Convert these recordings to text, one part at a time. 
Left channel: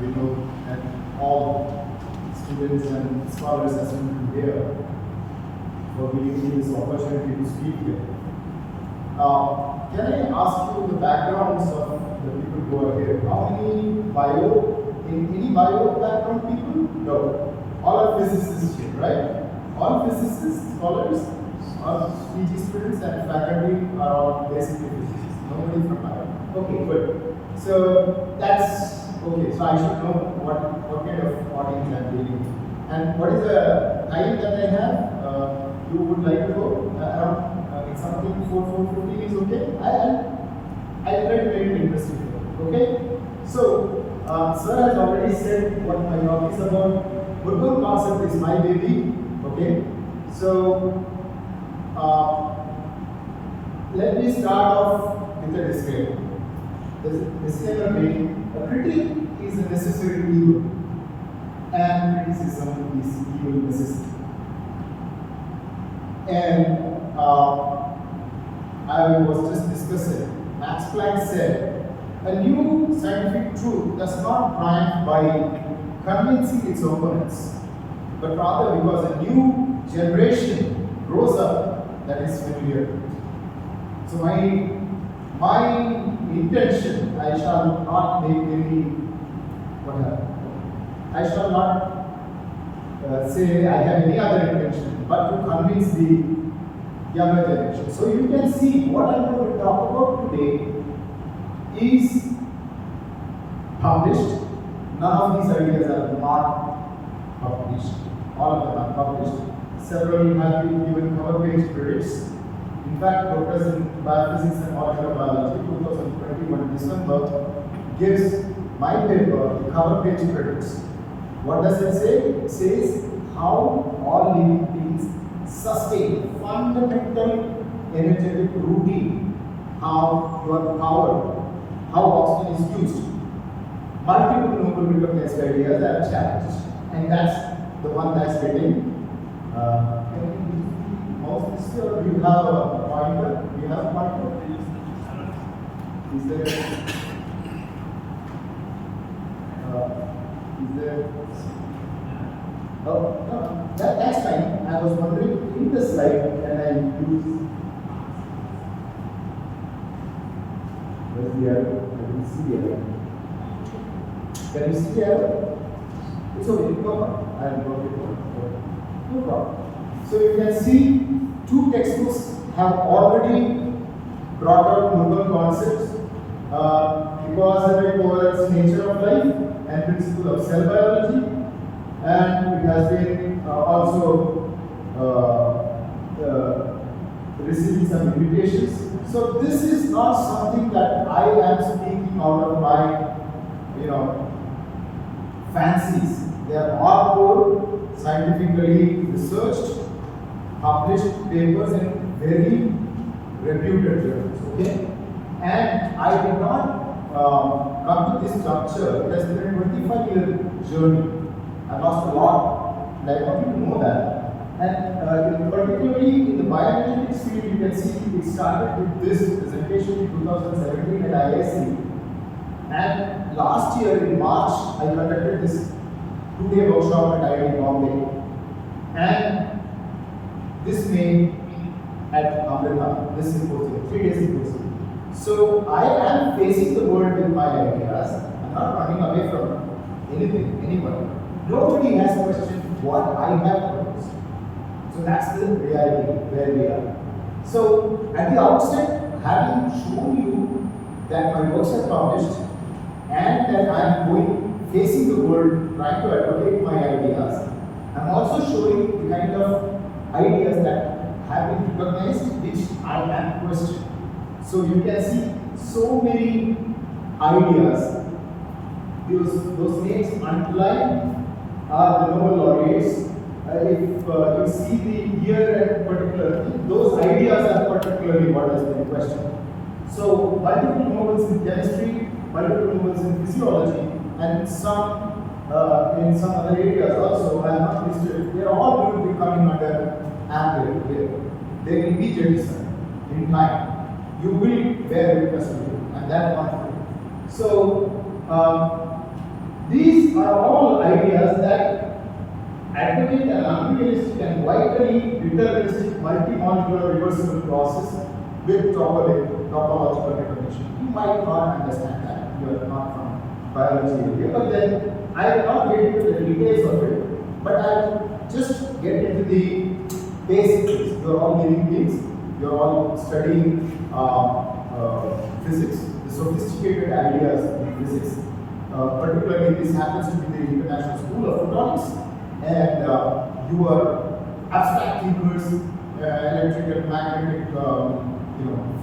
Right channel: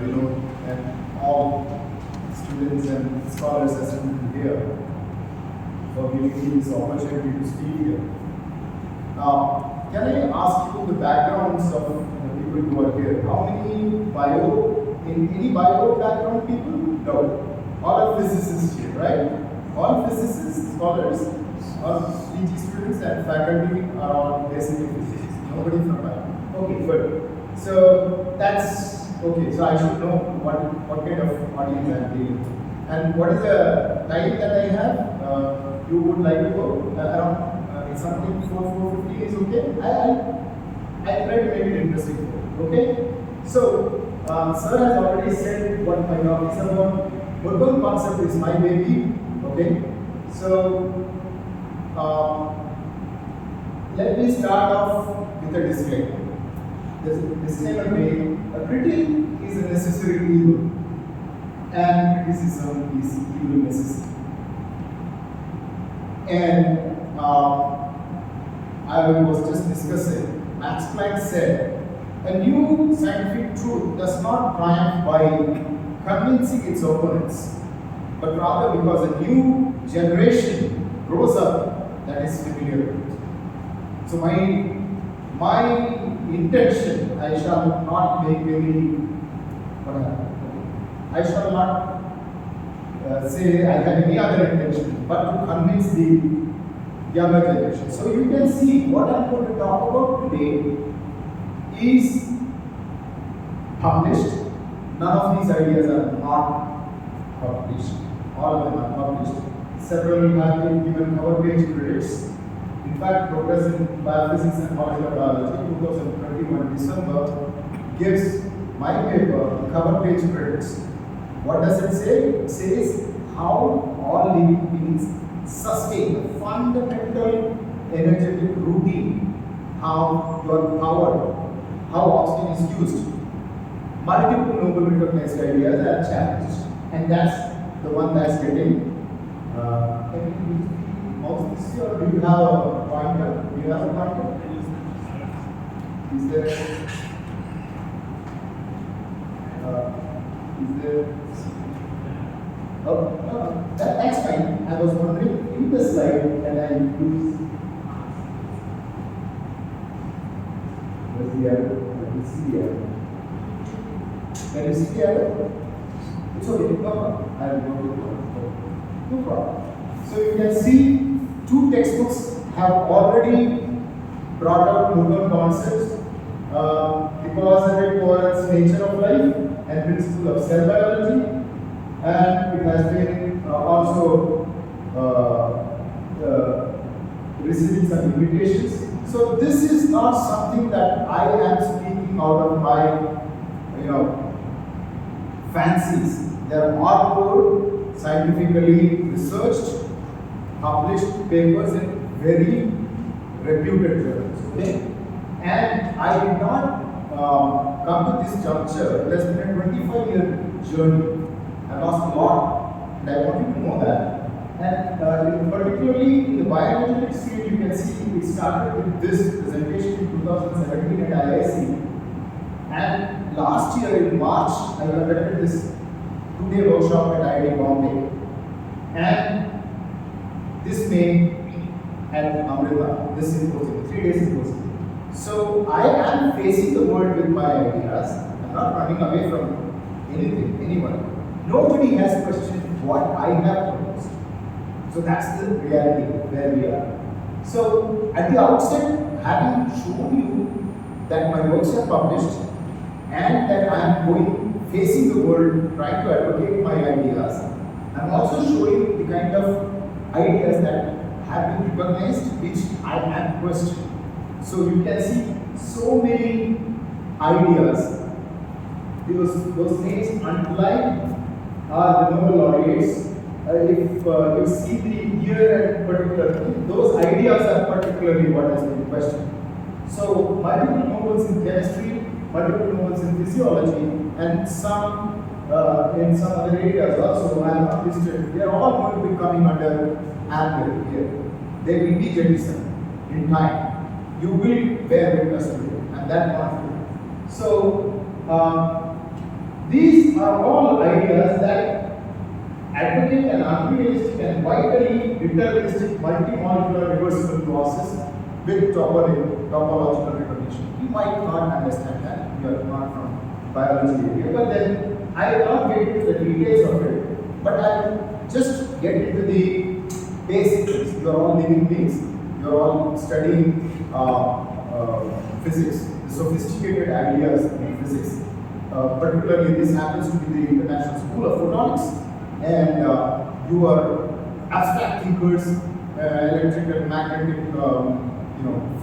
We know that all students and scholars assembled here for giving me this opportunity to speak here. Can I ask you the backgrounds of the people who are here? How many any bio background people? No. All are physicists here, right? All physicists, scholars, all PG students and faculty are all basically physicists. Nobody from bio. Okay, good. So that's okay. So I should know what kind of audience I'm dealing with. And what is the time that I have? You would like to go around something 4:50 is okay? I'll try to make it interesting for you. Okay? So, sir has already said what my talk is about. Murburn concept is my baby. Okay? So, let me start off with a disclaimer. The disclaimer being, a critic is a necessary evil, and criticism is evil necessity. And I was just discussing, Max Planck said, a new scientific truth does not triumph by convincing its opponents, but rather because a new generation grows up that is familiar with it. So my intention, I shall not make any, I shall not say I have any other intention, but to convince the younger generation. So you can see what I'm going to talk about today is published. None of these ideas are not published. All of them are published. Several have been given cover page credits. In fact, Professor in Biophysics and Molecular Biology 2021 December gives my paper the cover page credits. What does it say? It says how all living beings sustain fundamental energetic routine, how you are powered, how oxygen is used. Multiple noble recognized ideas are challenged, and that's the one that's getting. Can you mouse this or do you have a pointer? Do you have a pointer? Is there? Oh, no, that's fine. I was wondering, in the slide, can I use? Where's the arrow? Let me see the arrow. Can you see the arrow? It's okay, no problem. I'll drop it down. No problem. So you can see two textbooks have already brought up Murburn concepts, the towards nature of life and principle of cell biology. And it has been also receiving some invitations. So this is not something that I am speaking out of my, fancies. They are hardcore, scientifically researched, published papers in very reputed journals. Okay, and I did not come to this juncture. It has been a 25-year journey. I lost a lot, and I want you to know that. And particularly in the bioenergetics field, you can see it started with this presentation in 2017 at IISc. And last year in March, I conducted this 2-day workshop at IIT Bombay. And this May at Amrita, this symposium, 3-day symposium. So I am facing the world with my ideas. I'm not running away from anything, anyone. Nobody has questioned what I have proposed. So that's the reality where we are. So at the outset, having shown you that my works are published and that I am facing the world, trying to advocate my ideas, I'm also showing the kind of ideas that have been recognized, which I am questioning. So you can see so many ideas. Those names underlined are the Nobel laureates. If you see the year and particular, those ideas are particularly what has been questioned. So multiple Nobels in chemistry, multiple Nobels in physiology, and some in some other areas also are not listed. They are all going to be coming under ambit here. They will be jettisoned in time. You will bear witness to it, and that one. So These are all ideas that advocate an unrealistic and vitally deterministic multi-molecular reversible process with topological recognition. You might not understand that. You are not from biology area, but then I will not get into the details of it, but I will just get into the basics. You are all living beings. You are all studying physics, the sophisticated ideas in physics. Particularly, this happens to be the International School of Photonics, and you are abstract thinkers, electrical, magnetic,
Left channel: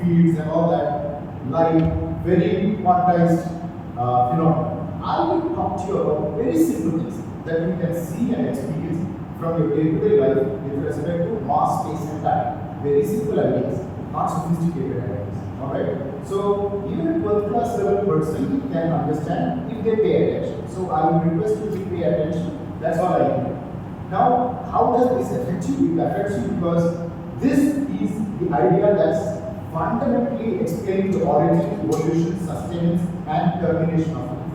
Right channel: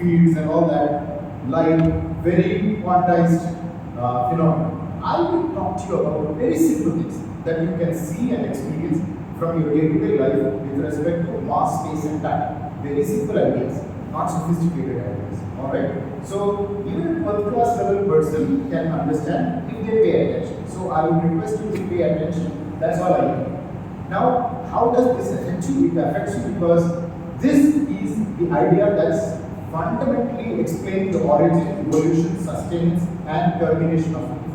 fields, and all that, light, very quantized phenomena. I will talk to you about very simple things that you can see and experience from your day-to-day life with respect to mass, space, and time. Very simple ideas, not sophisticated ideas. Alright? So, even a first class level person can understand if they pay attention. So, I would request you to pay attention. That's all I need. Now, how does this affect you? It affects you because this is the idea that's fundamentally explaining the origin, evolution, sustenance, and termination of life.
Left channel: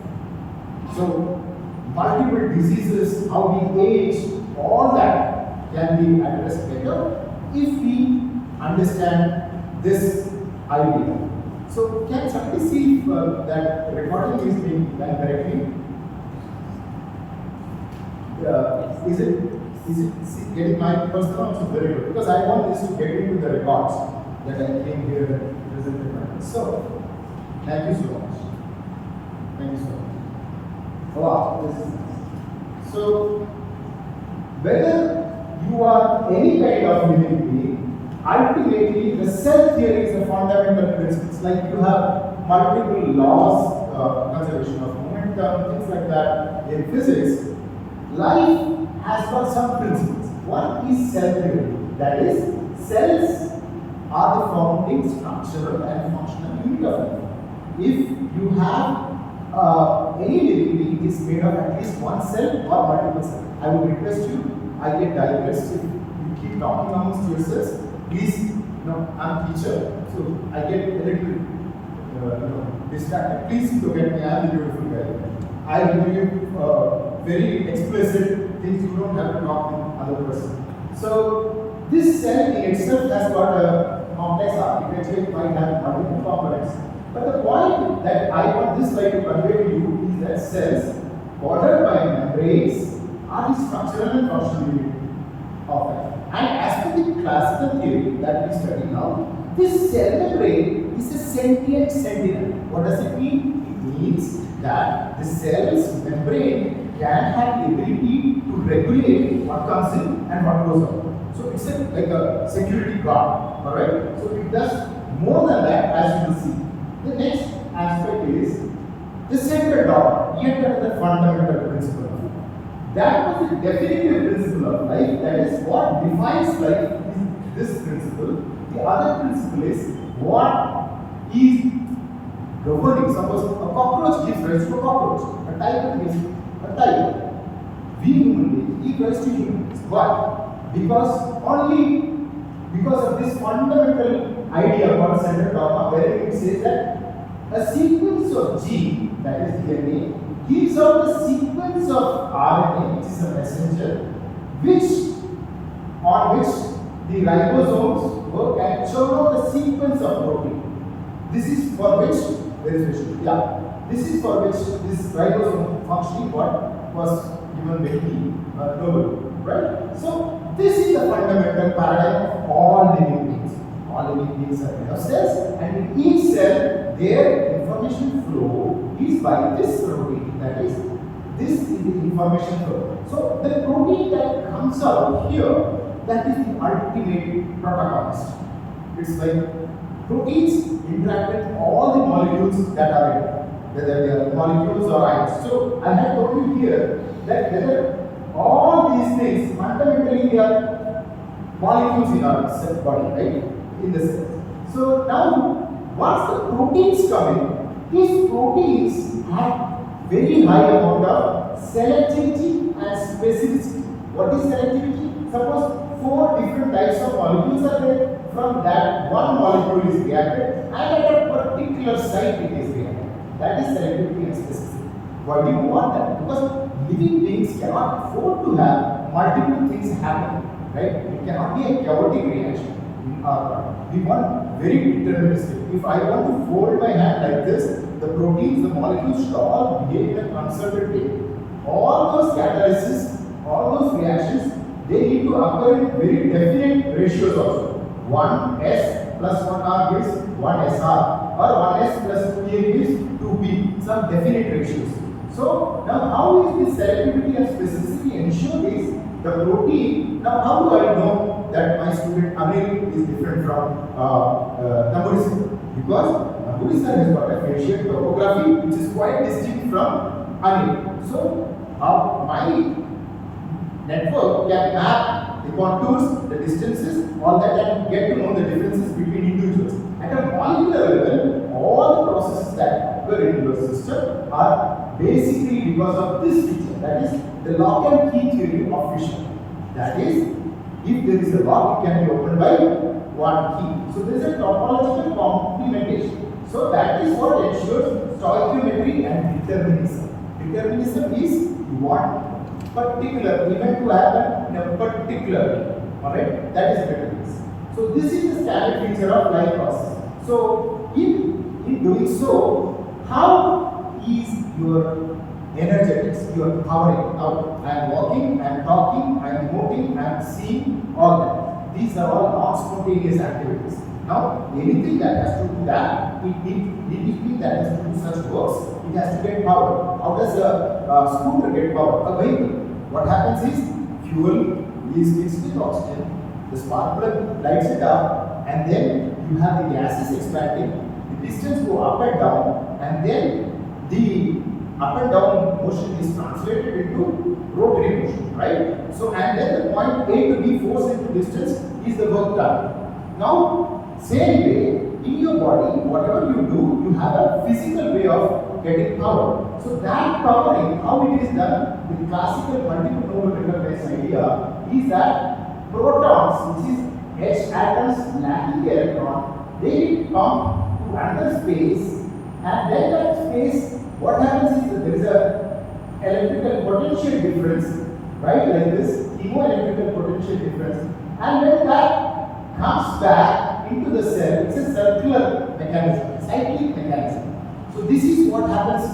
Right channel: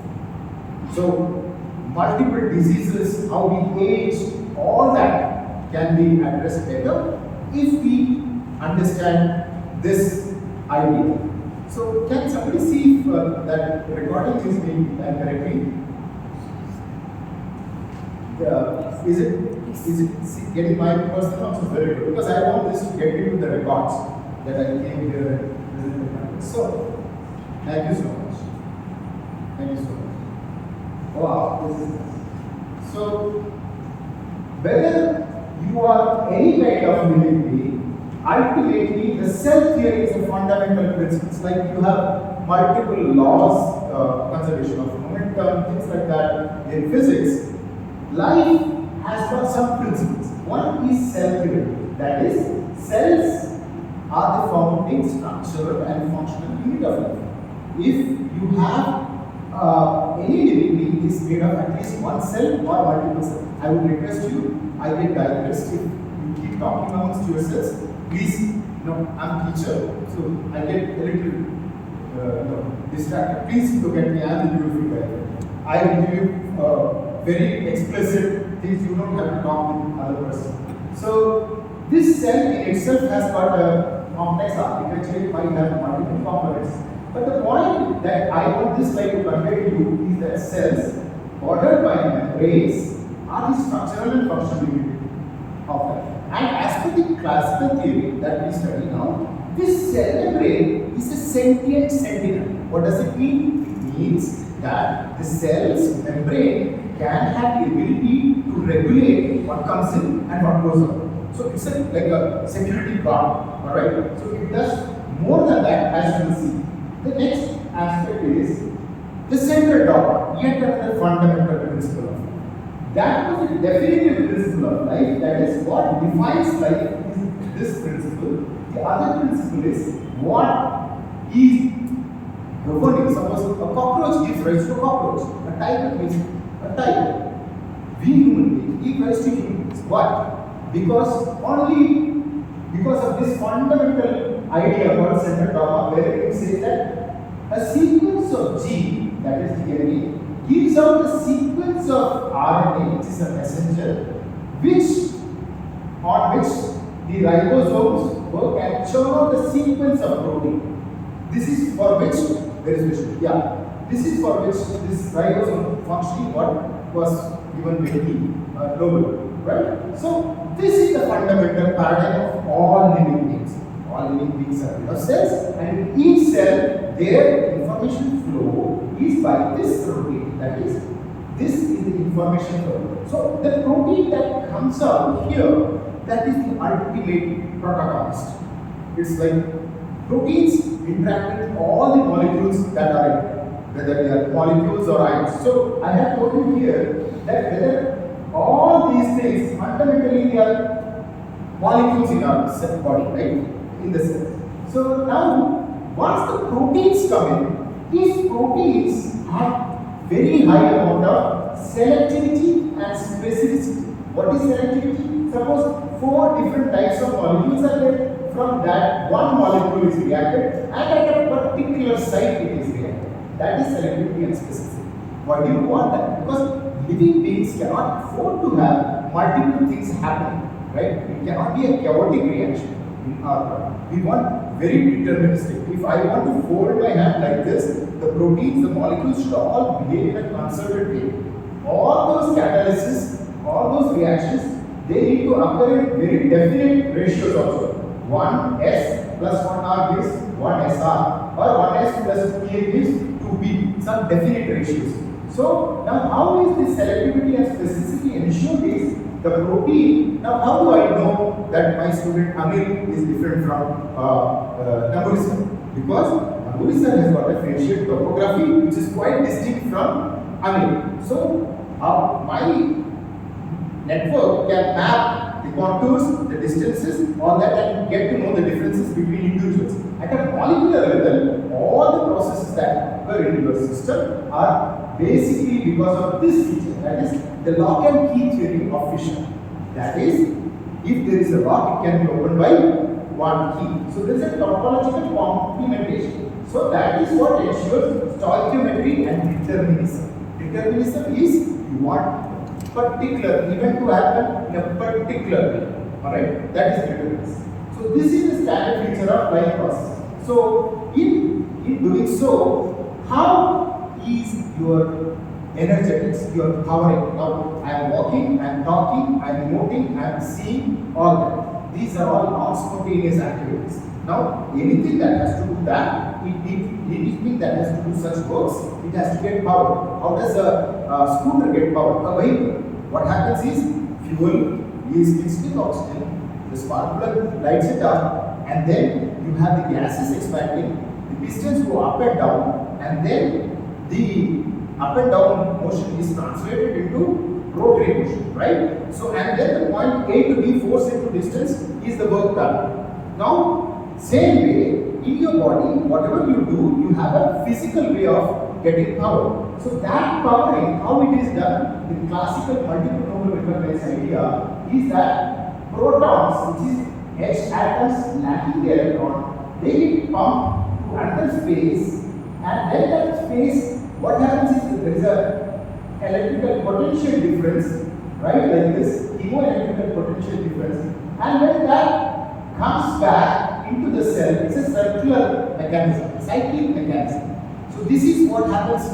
So, multiple diseases, how we age, all that can be addressed better if we understand this idea. So, can somebody see if that recording is being done correctly? Is it getting my personal answer very good? Because I want this to get into the records that I came here and presented. So, thank you so much. Thank you so much. Wow, this is nice. So, whether you are any kind of living being, ultimately the cell theory is a fundamental principle. It's like you have multiple laws, conservation of momentum, things like that in physics. Life has got some principles. One is cell theory. That is, cells are the founding structural and functional unit of life. If you have any living being is made of at least one cell or multiple cells, I would request you, I get digressed if you keep talking amongst yourselves. Please, I'm a teacher, so I get a little distracted. Please look at me, I'm the beautiful guy. I will give you very explicit things, you don't have to talk with other person. So, this cell in itself has got a complex architecture, it might have multiple components. But the point that I want this slide to convey to you is that cells, bordered by membranes, are the structural and functional unit of life. And as per the classical theory that we study now, this cell membrane is a sentient sentinel. What does it mean? It means that the cell's membrane can have the ability to regulate what comes in and what goes out. So it's like a security guard, alright? So it does more than that, as you can see. The next aspect is the central dogma, yet another fundamental principle of life. That was the definitive principle of life, that is what defines life is this principle. The other principle is what is governing. Suppose a cockroach gives rise to a cockroach, a tiger gives a tiger. We human beings give rise to humans. Why? Because of this fundamental idea called central dogma, where it says that a sequence of gene, that is DNA, gives out a sequence of RNA, which is a messenger, on which the ribosomes work and churn out a sequence of protein. This is for which, this is for which this ribosome functioning what was given with the Nobel, right? So this is the fundamental paradigm of all living beings. All living beings are made of cells, and in each cell, their information flow is by this protein. That is, this is the information flow. So the protein that comes out here, that is the ultimate protagonist. It's like proteins interact with all the molecules that are in, whether they are molecules or ions. So I have told you here that whether all these things fundamentally they are molecules in our cell body, right? In the cell. So now, once the proteins come in, these proteins have very high amount of selectivity and specificity. What is selectivity? Suppose 4 different types of molecules are there. From that, one molecule is reacted, and at a particular site it is reacted. That is selectivity and specificity. Why do you want that? Because living beings cannot afford to have multiple things happening, right? It cannot be a chaotic reaction in our body. We want very deterministic. If I want to fold my hand like this, the proteins, the molecules should all behave in a concerted way. All those catalysis, all those reactions, they need to occur in very definite ratios also. 1s plus 1r gives 1sr, or 1s plus 2p gives 2p, some definite ratios. So now how is this selectivity and specificity ensure this? The protein, now how do I know that my student Anil is different from Namburi sir? Because Namburi sir has got a facial topography which is quite distinct from Anil. So my network can map the contours, the distances, all that, and get to know the differences between individuals. At a molecular level, all the processes that occur in your system are basically because of this feature, that is the lock and key theory of fission. That is, if there is a lock, it can be opened by one key. So there is a topological complementation. So that is what ensures stoichiometry and determinism. Determinism is you want particular event to happen in a particular way. Alright? That is determinism. So this is the standard feature of life process. So in doing so, how is your energetics, your powering? Now I am walking, I am talking, I am emoting, I am seeing, all that. These are all non-spontaneous activities. Now anything that has to do that, anything that has to do such works, it has to get power. How does a scooter get power? A vehicle. What happens is fuel is mixed with oxygen, the spark plug lights it up, and then you have the gases expanding, the pistons go up and down, and then the up and down motion is translated into rotary motion, right? So, and then the point A to B force into distance is the work done. Now, same way, in your body, whatever you do, you have a physical way of getting power. So that powering, how it is done, the classical multiple noble recognize idea is that protons, which is H atoms lacking the electron, they pump to another space, and then that space, what happens is that there is a electrical potential difference, right, like this, chemoelectrical potential difference, and when that comes back into the cell, it's a circular mechanism, a cyclic mechanism. So this is what happens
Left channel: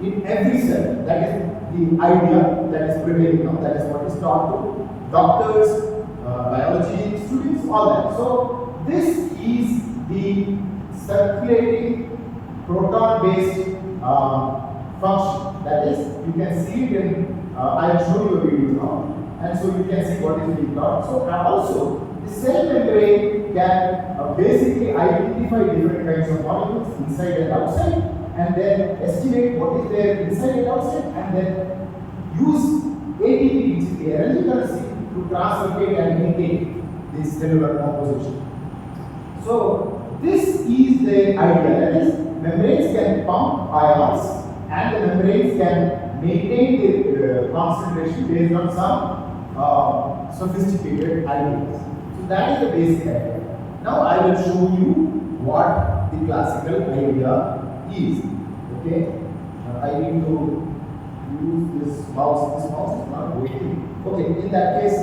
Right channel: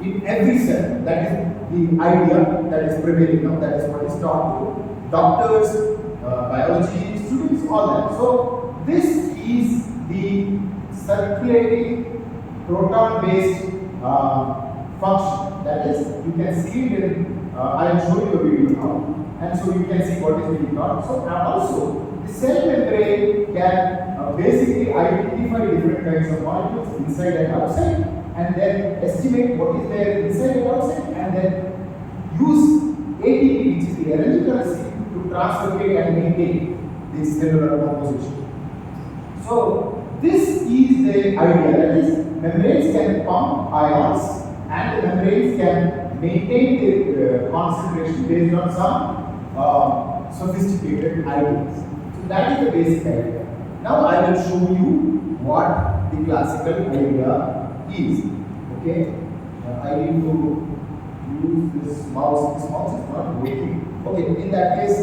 in every cell. That is the idea that is prevailing now. That is what is taught to doctors, biology students, all that. So this is the circulating proton-based function. That is, you can see it in. I will show you a video now, and so you can see what is being taught. So also, the cell membrane can basically identify different kinds of molecules inside and outside, and then estimate what is there inside and outside, and then use ATP, which is the energy currency, to translocate and maintain this cellular composition. So this is the idea, that is, membranes can pump ions, and the membranes can maintain the concentration based on some sophisticated ideas. So that is the basic idea. Now I will show you what the classical idea is. Okay? Now I need to use this mouse. This mouse is not working. Okay, in that case,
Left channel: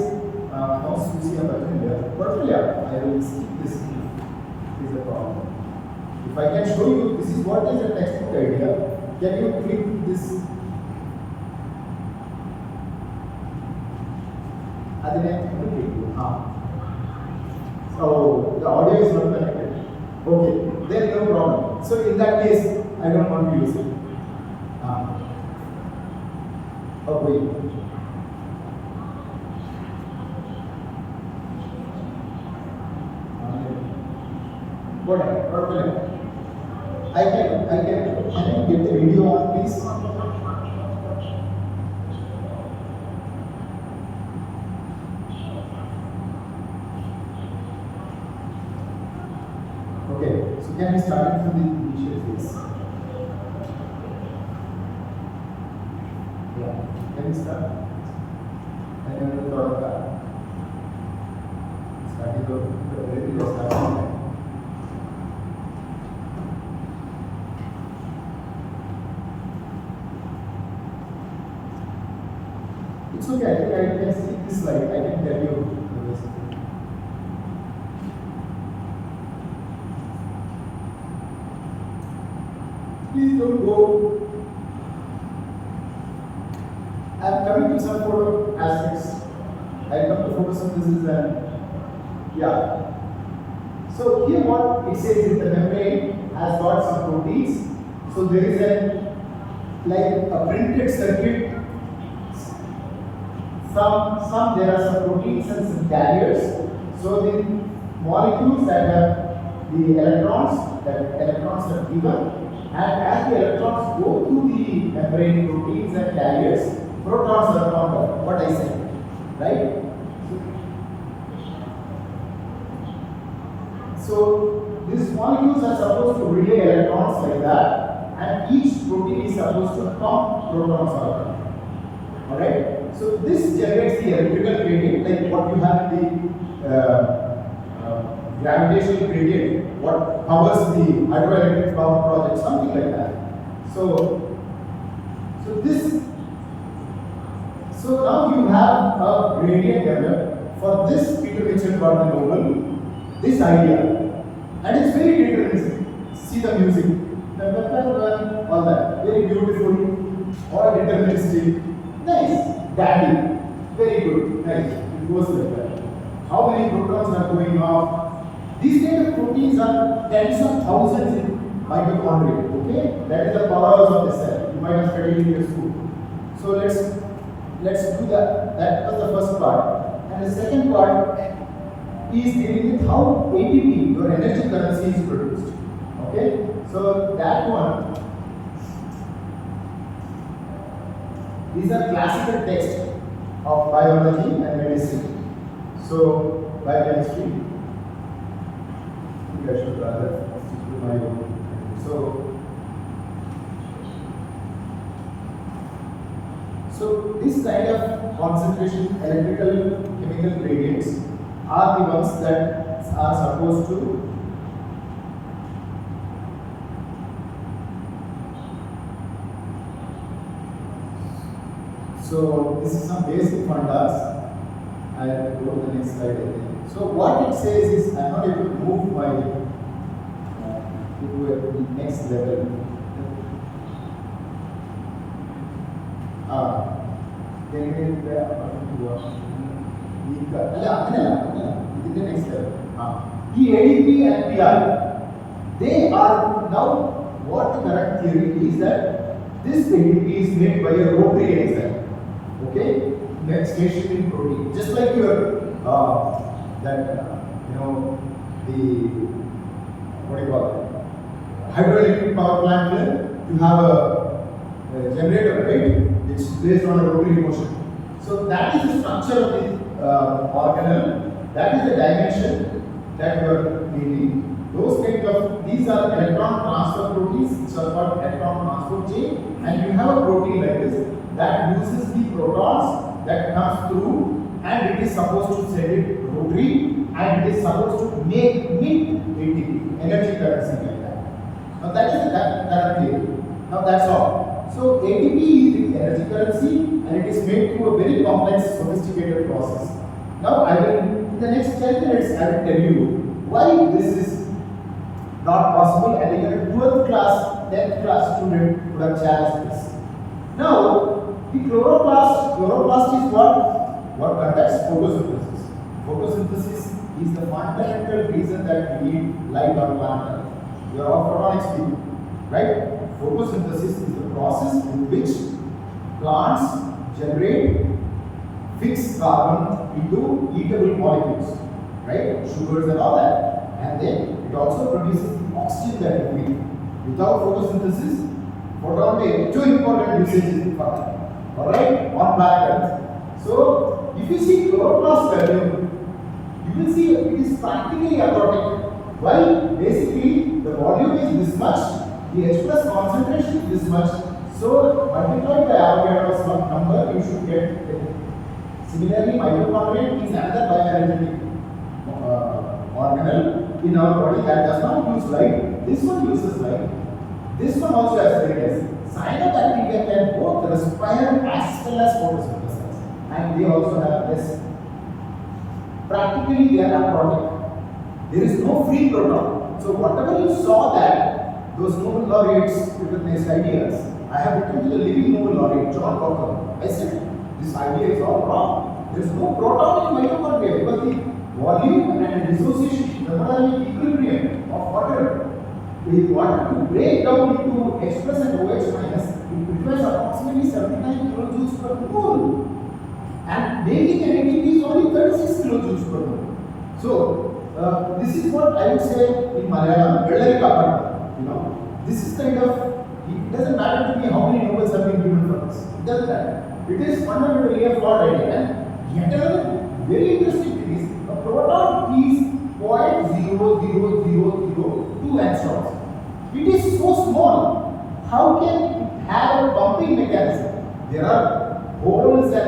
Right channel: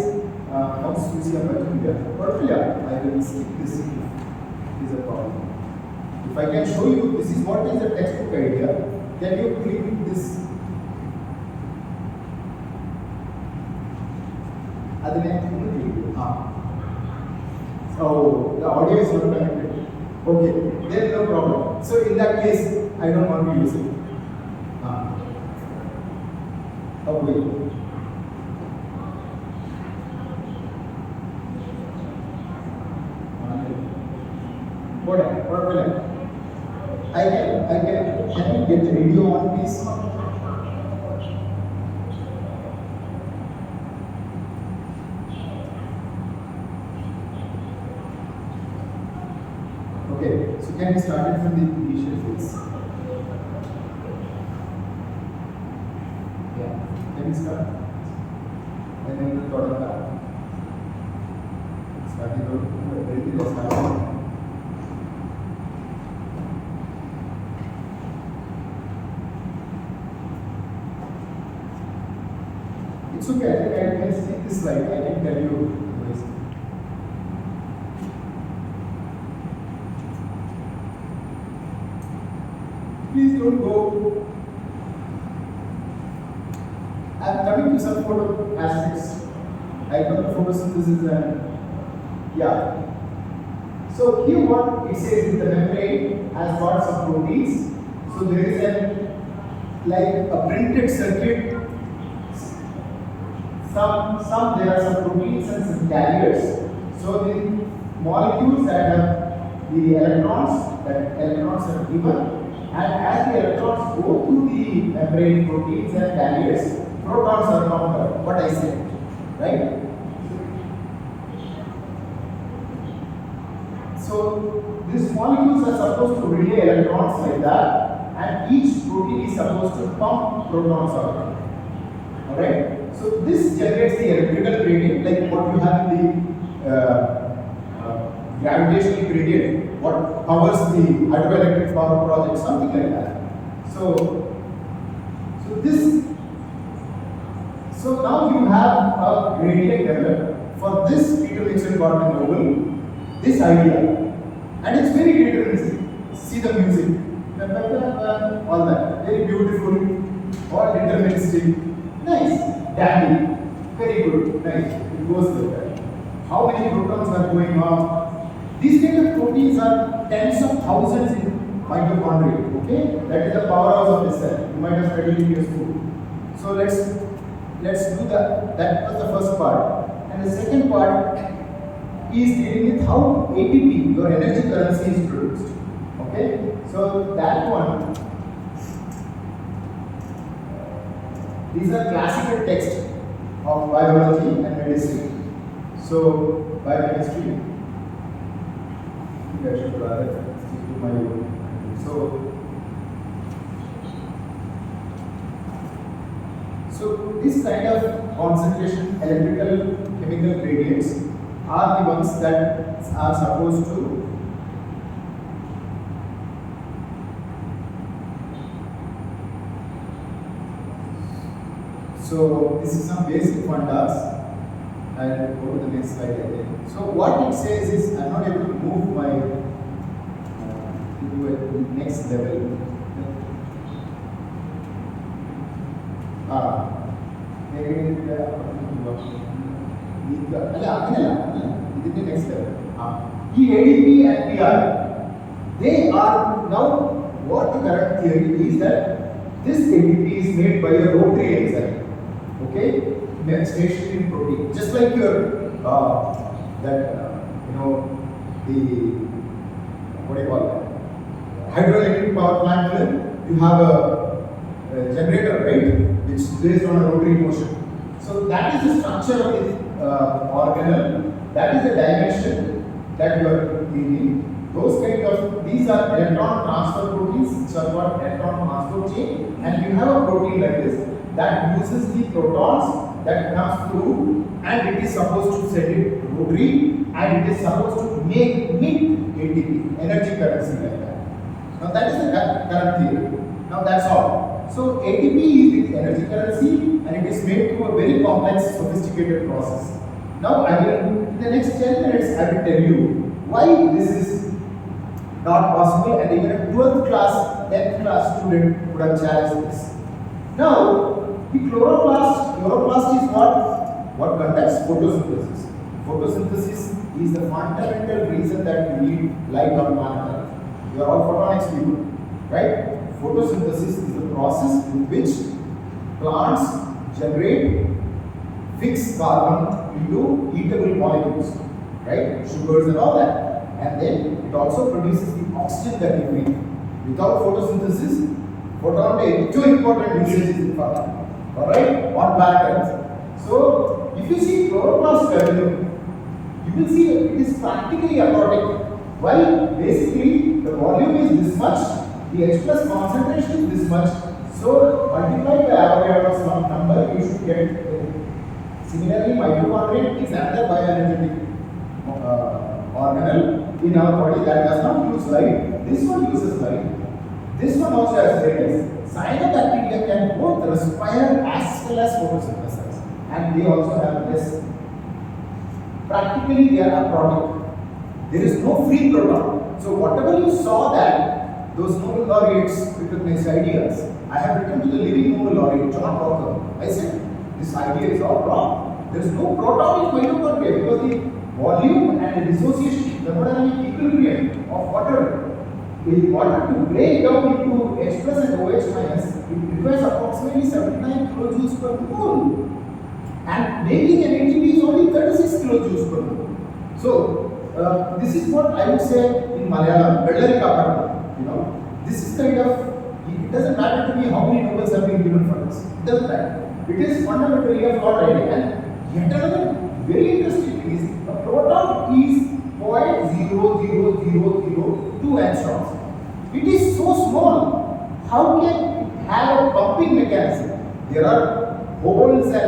mouse using a button here. But yeah, I will skip this. Is a problem. If I can show you, this is what is a textbook idea. Can you click this? So the audio is not connected. Okay, there is no problem. So in that case, I don't want to use it. Oh wait. What? Can you get the video on, please? Okay, so can we start it from the initial phase? Yeah, can we start? Then we will go back. Starting from It's okay, I think I can skip this slide, I can tell you. Please don't go. I'm coming to some photo aspects. I come to photosynthesis and yeah. So here what it says is the membrane has got some proteins. So there is a printed circuit. Some there are some proteins and some carriers. So the molecules that have the electrons, that electrons are given, and as the electrons go through the membrane proteins and carriers, protons are found. What I said, right? So these molecules are supposed to relay electrons like that, and each protein is supposed to pump protons out. Alright? So this generates the electrical gradient, like what you have in the gravitational gradient, what powers the hydroelectric power project, something like that. So now you have a gradient developed for this. Peter Mitchell got the Nobel, this idea, and it's very deterministic. See the music, all that, very beautiful, all deterministic, nice, dandy, very good, nice. It goes like that. How many protons are going off? These kind of proteins are tens of thousands in mitochondria. Okay, that is the powerhouse of the cell. You might have studied in your school. So let's do that. That was the first part, and the second part is dealing with how ATP, your energy currency, is produced. Okay, so that one, these are classical texts of biology and medicine. So biochemistry, I think I should rather do my own. So this kind of concentration electrical chemical gradients are the ones that are supposed to so this is some basic fundas. I'll go to the next slide again. So what it says is I'm not able to move my to the next level. The ADP and PI, they are now, what the correct theory is that this ADP is made by a rotary enzyme, okay, stationed in protein, just like your the what do you call it, hydroelectric power plant. You have a generator, right, which is based on a rotary motion. So that is the structure of this organelle. That is the dimension that you are dealing. Those kind of, these are electron transfer proteins, which are called electron transport chain, and you have a protein like this that uses the protons that comes through, and it is supposed to set it rotary, and it is supposed to make ATP, energy currency like that. Now that is the current theory. Now that's all. So ATP is the energy currency, and it is made through a very complex, sophisticated process. Now I will, in the next 10 minutes, I will tell you why this is not possible, and even a 12th class, 10th class student would have challenged this. Now, the chloroplast is what conducts photosynthesis. Photosynthesis is the fundamental reason that we need light on planet Earth. We are all photonics people, right? Photosynthesis is the process in which plants generate fixed carbon into eatable molecules, right? Sugars and all that. And then it also produces the oxygen that we breathe. Without photosynthesis, photon, two important usages in fact. Alright, on planet Earth. So, if you see chloroplast volume, you will see it is practically aquatic. Why? Basically, the volume is this much, the H plus concentration is this much. So, multiplied by Avogadro's number, you should get it. Similarly, mitochondria is another bioenergetic organelle in our body that does not use light. This one uses light. This one also has radius. Cyanobacteria can both respire as well as photosynthesize. and they also have less. Practically, they are aquatic. There is no free proton. So whatever you saw that those Nobel laureates recognized ideas, I have written to the living Nobel laureate, John Walker. I said, this idea is all wrong. There is no proton in mitochondria because the volume and the dissociation, thermodynamic equilibrium of water, the water to break down into H plus and OH minus, it requires approximately 79 kilojoules per mole. And making an ATP is only 36 kilojoules per mole. So, this is what I would say in Malayalam, this is kind of, it doesn't matter to me how many Nobels have been given for this. It doesn't matter. It is fundamentally a flawed idea. And yet another very interesting thing is a proton is 0.00002 angstroms. It is so small. How can it have a pumping mechanism? There are holes and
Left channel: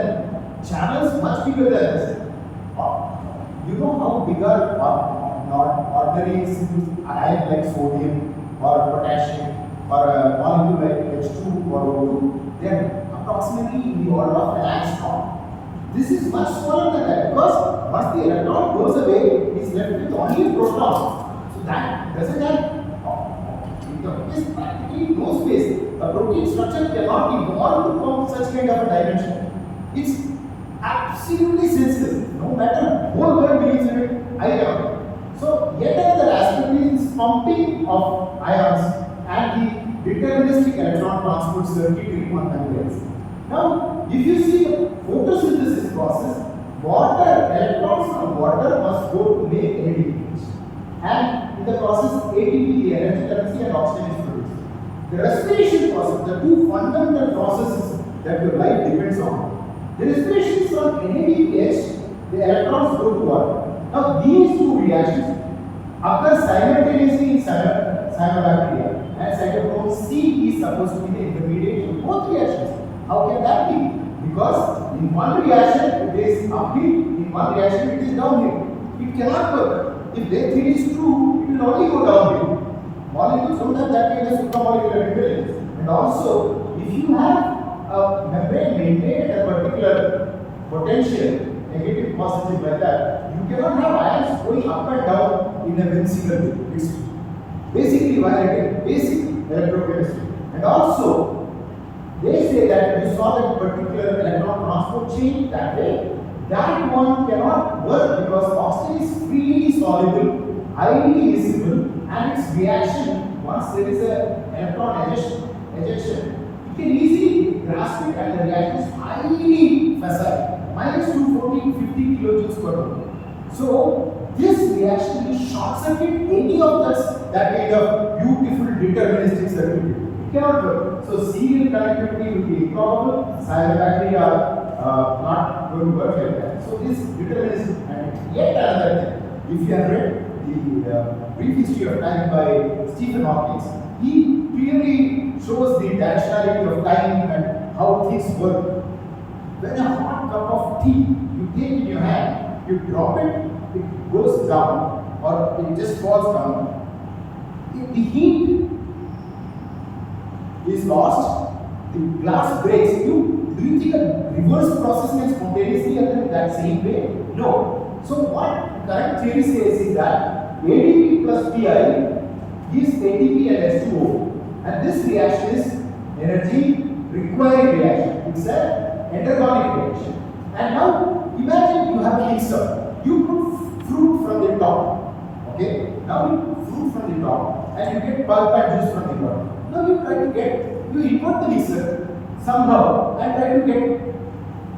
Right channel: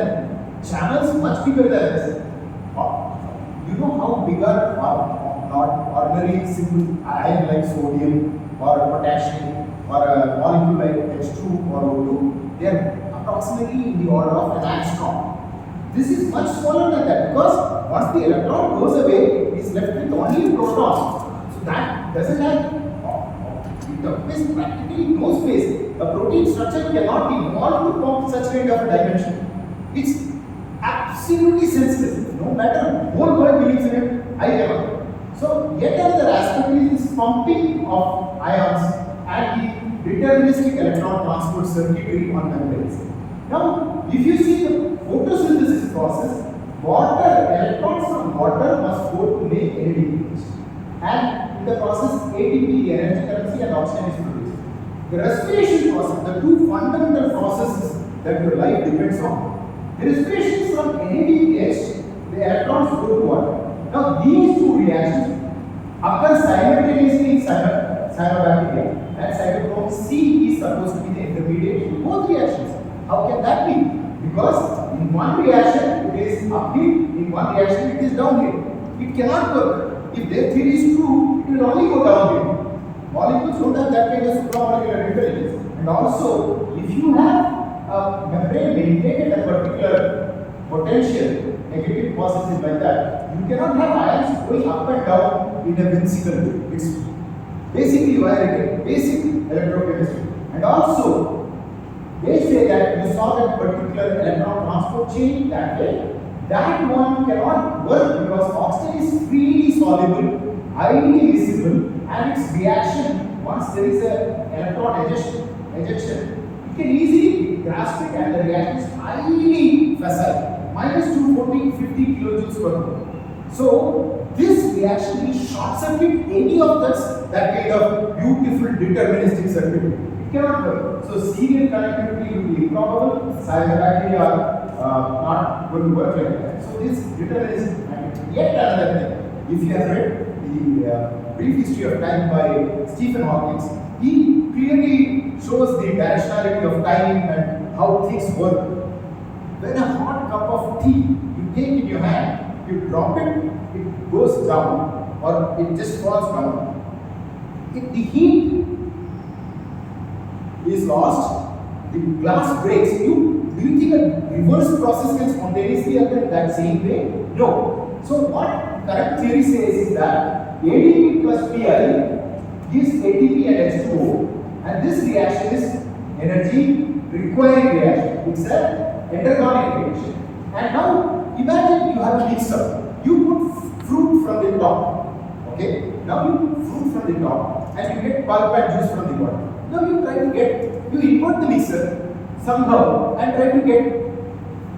channels much bigger than this. You know how big are not ordinary simple ion like sodium or potassium or a molecule like H2 or O2? They are approximately in the order of an angstrom. This is much smaller than that because once the electron goes away, it is left with only proton. So that doesn't have it practically no space. A protein structure cannot be evolved to form such kind of a dimension. It's absolutely senseless. No matter the whole world believes in it, I cannot. So yet another aspect is this pumping of ions and the deterministic electron transport circuitry on membranes. Now, if you see the photosynthesis process, electrons from water must go to make ADP. And in the process, ATP, the energy currency, and oxygen is produced. The respiration process, the two fundamental processes that your life depends on. The respiration is from NADPH, the electrons go to water. Now, these two reactions occur simultaneously in cyanobacteria, and cytochrome C is supposed to be the intermediate in both reactions. How can that be? Because in one reaction it is uphill, in one reaction it is downhill. It cannot work. If their theory is true, it will only go downhill. Molecules don't have that kind of supramolecular intelligence. And also, if you have a membrane maintained at a particular potential, negative, positive like that, you cannot have ions going up and down in a whimsical way. It's basically violating basic electrochemistry. And also, they say that you saw that particular electron transport chain that way. That one cannot work because oxygen is freely soluble, highly visible, and its reaction, once there is an electron ejection, it can easily grasp it and the reaction is highly facile, minus 240, 50 kilojoules per mole. So, this reaction will short circuit any of that kind of beautiful deterministic circuitry. It cannot work. So, serial connectivity will be improbable, cyanobacteria are not going to work like that. So, this determinism, and yet another thing, if you have read the brief history of time by Stephen Hawking, he clearly shows the directionality of time and how things work. When a hot cup of tea you take in your hand, you drop it, it goes down, or it just falls down. If the heat is lost, the glass breaks. Do you think a reverse process can spontaneously occur in that same way? No. So what current theory says is that ADP plus Pi gives ATP and H2O, and this reaction is energy requiring reaction. It's an endergonic reaction. And now imagine you have a mixer. You put fruit from the top. Okay? Now you put fruit from the top and you get pulp and juice from the bottom. Now you import the mixer somehow and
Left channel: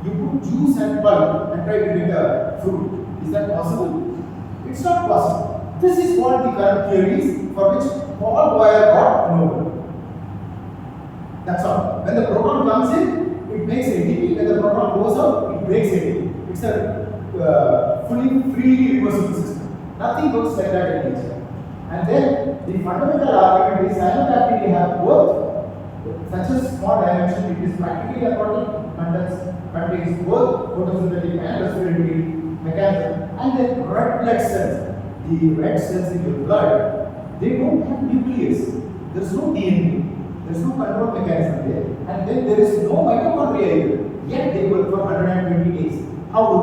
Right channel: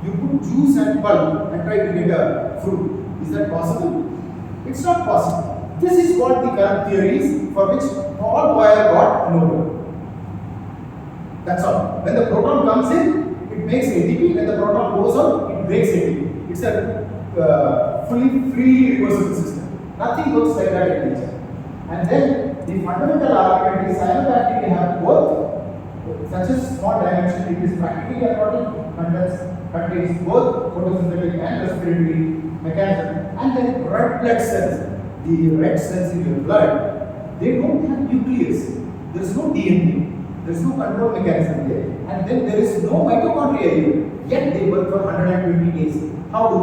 you put juice and pulp and try to get a fruit. Is that possible? It's not possible. This is what the current theory is for which Paul Boyer got Nobel. That's all. When the proton comes in, it makes ATP. When the proton goes out, it breaks ATP. It's a fully free reversible system. Nothing works like that in nature. And then the fundamental argument is cyanobacteria have both such a small dimension, it is practically aquatic, contains both photosynthetic and respiratory mechanism, and then red blood cells. The red cells in your blood, they don't have nucleus. There is no DNA. There is no control mechanism there, and then there is no mitochondria here. Yet they work for 120 days. How do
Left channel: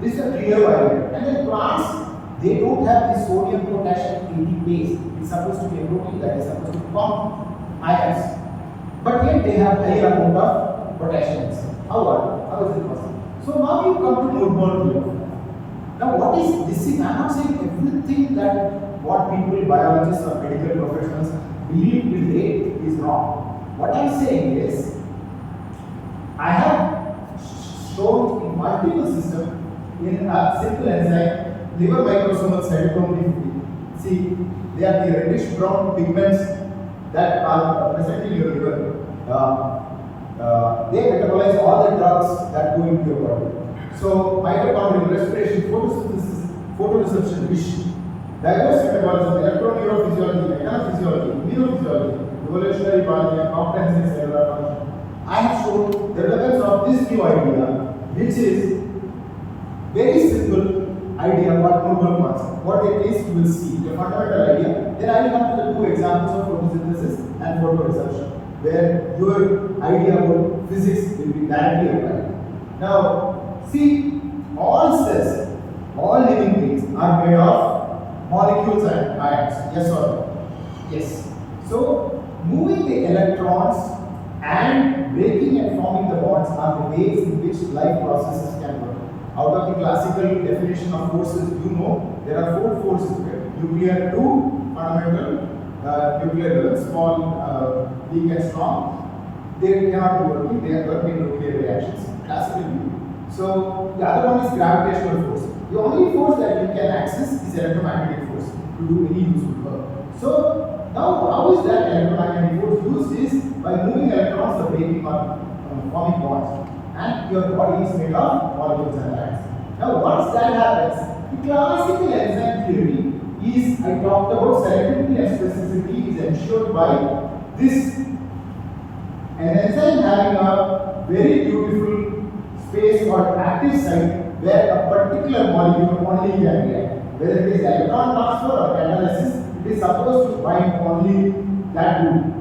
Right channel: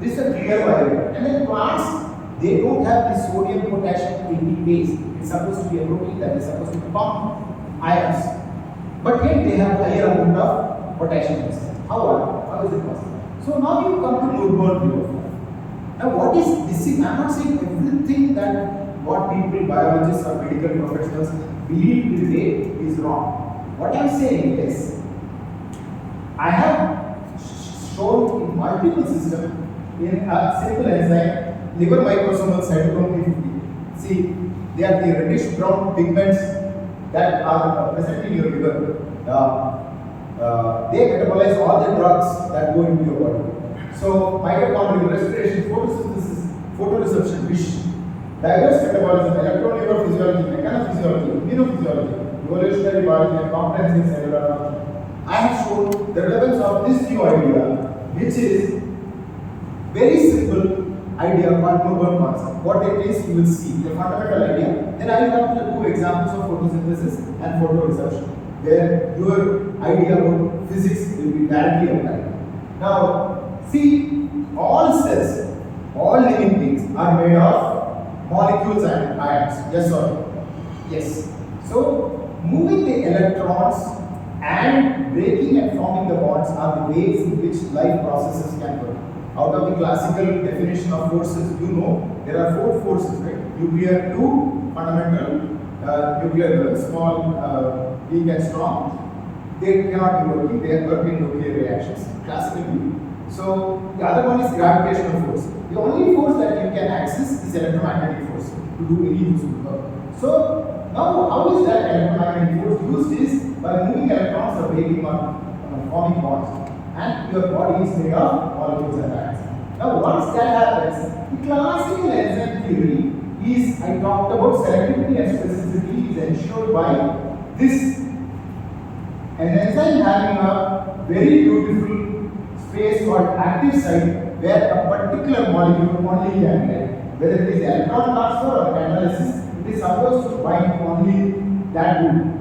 they? This is a clear violator. And then plants, they don't have the sodium potassium ATPase. It's supposed to be a protein that is supposed to pump ions. But yet they have higher amount of potassium inside. How is it possible? So now you come to Murburn view of life. Now what is this? I'm not saying everything that what people, biologists or medical professionals believe today is wrong. What I'm saying is, I have shown in multiple systems in a simple enzyme, liver microsomal cytochrome P50. See, they are the reddish brown pigments that are present in your liver. They metabolize all the drugs that go into your body. So, mitochondrial respiration, photosynthesis, photoreception, vision, diverse metabolism, electroneurophysiology, mechanophysiology, immunophysiology, evolutionary biology, and comprehensive cellular biology. I have shown the relevance of this new idea, which is very simple idea what Murburn concept. What it is, you will see the fundamental idea. Then I will come to the two examples of photosynthesis and photoreception, where your idea about physics will be directly applied. Now, see, all cells, all living beings are made of molecules and ions. Yes or no? Yes. So, moving the electrons and breaking and forming the bonds are the ways in which life processes can work. Out of the classical definition of forces, you know there are four forces, right? Nuclear, two fundamental, nuclear level, small, weak and strong. They cannot be working, they are working nuclear reactions, classical view. So the other one is gravitational force. The only force that you can access is electromagnetic force to do any useful work. So now how is that electromagnetic force used is by moving electrons or breaking or forming bonds. And your body is made of molecules and ions. Now once that happens, the classical enzyme theory is, I talked about selectivity and specificity is ensured by this. An enzyme having a very beautiful space called active site where a particular molecule only can react. Whether it is electron transfer or catalysis, it is supposed to bind only that group.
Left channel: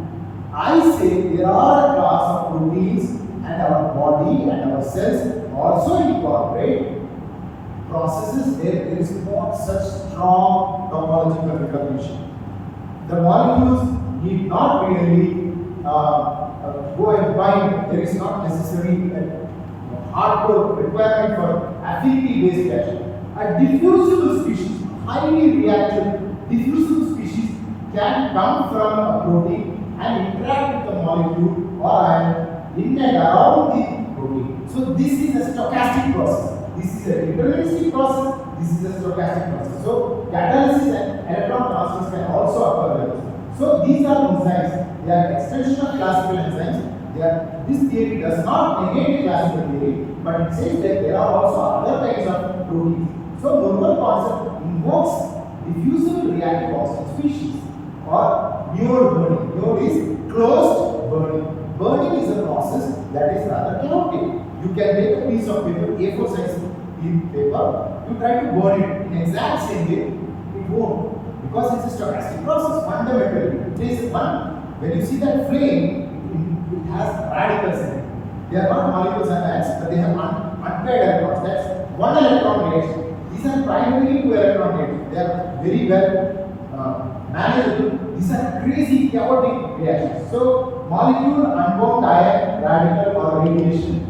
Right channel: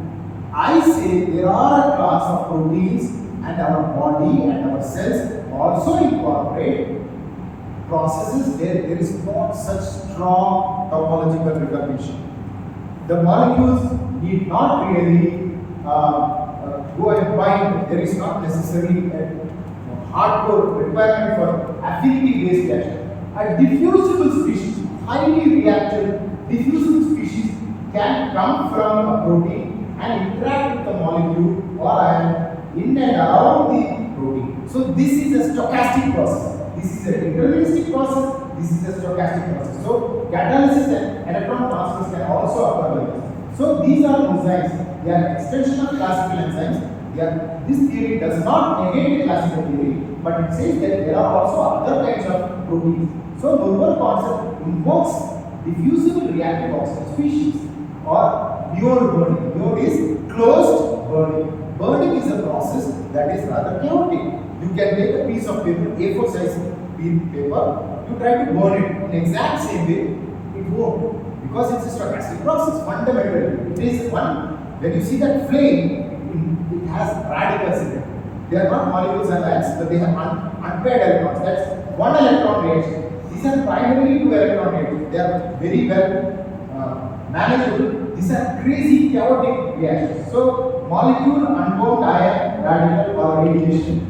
I say there are a class of proteins and our body and our cells also incorporate processes where there is not such strong topological recognition. The molecules need not really go and bind. There is not necessarily a hardcore requirement for affinity-based reaction. A diffusible species, highly reactive diffusible species can come from a protein and interact with the molecule or ion in and around the protein. So this is a stochastic process. This is a deterministic process. This is a stochastic process. So catalysis and electron transfers can also occur like this. So these are enzymes. They are extension of classical enzymes. This theory does not negate the classical theory, but it says that there are also other kinds of proteins. So Murburn concept invokes diffusible reactive oxygen species or pure burning. Pure is closed burning. Burning is a process that is rather chaotic. You can take a piece of paper, A4 size paper, you try to burn it in exact same way, it won't, because it's a stochastic process. Fundamentally, it is one. When you see that flame, it has radicals in it. They are not molecules and ions, but they have unpaired electrons. That's one electron reaction. These are primarily two electron reactions. They are very well manageable. These are crazy chaotic reactions. So molecule, unbound ion, radical or radiation.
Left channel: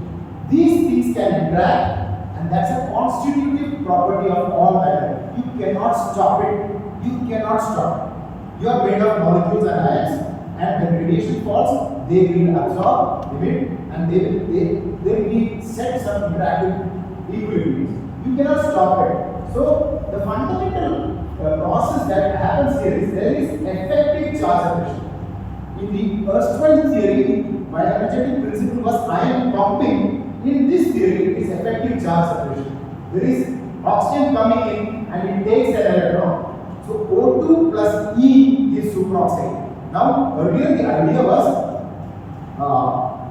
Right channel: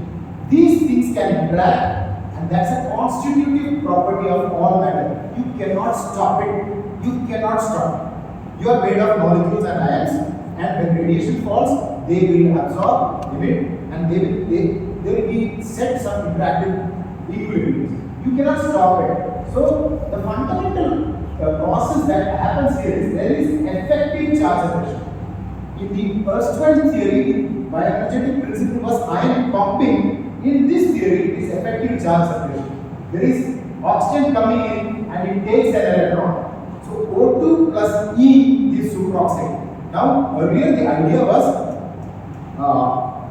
These things can interact, and that's a constitutive property of all matter. You cannot stop it. You cannot stop it. You are made of molecules and ions, and when radiation falls, they will absorb, emit, and they will be set some interactive equilibriums. You cannot stop it. So the fundamental process that happens here is there is effective charge separation. In the erstwhile theory, bioenergetic principle was ion pumping. In this theory, it is effective charge separation. There is oxygen coming in and it takes an electron. So O2 plus E is superoxide. Now earlier the idea was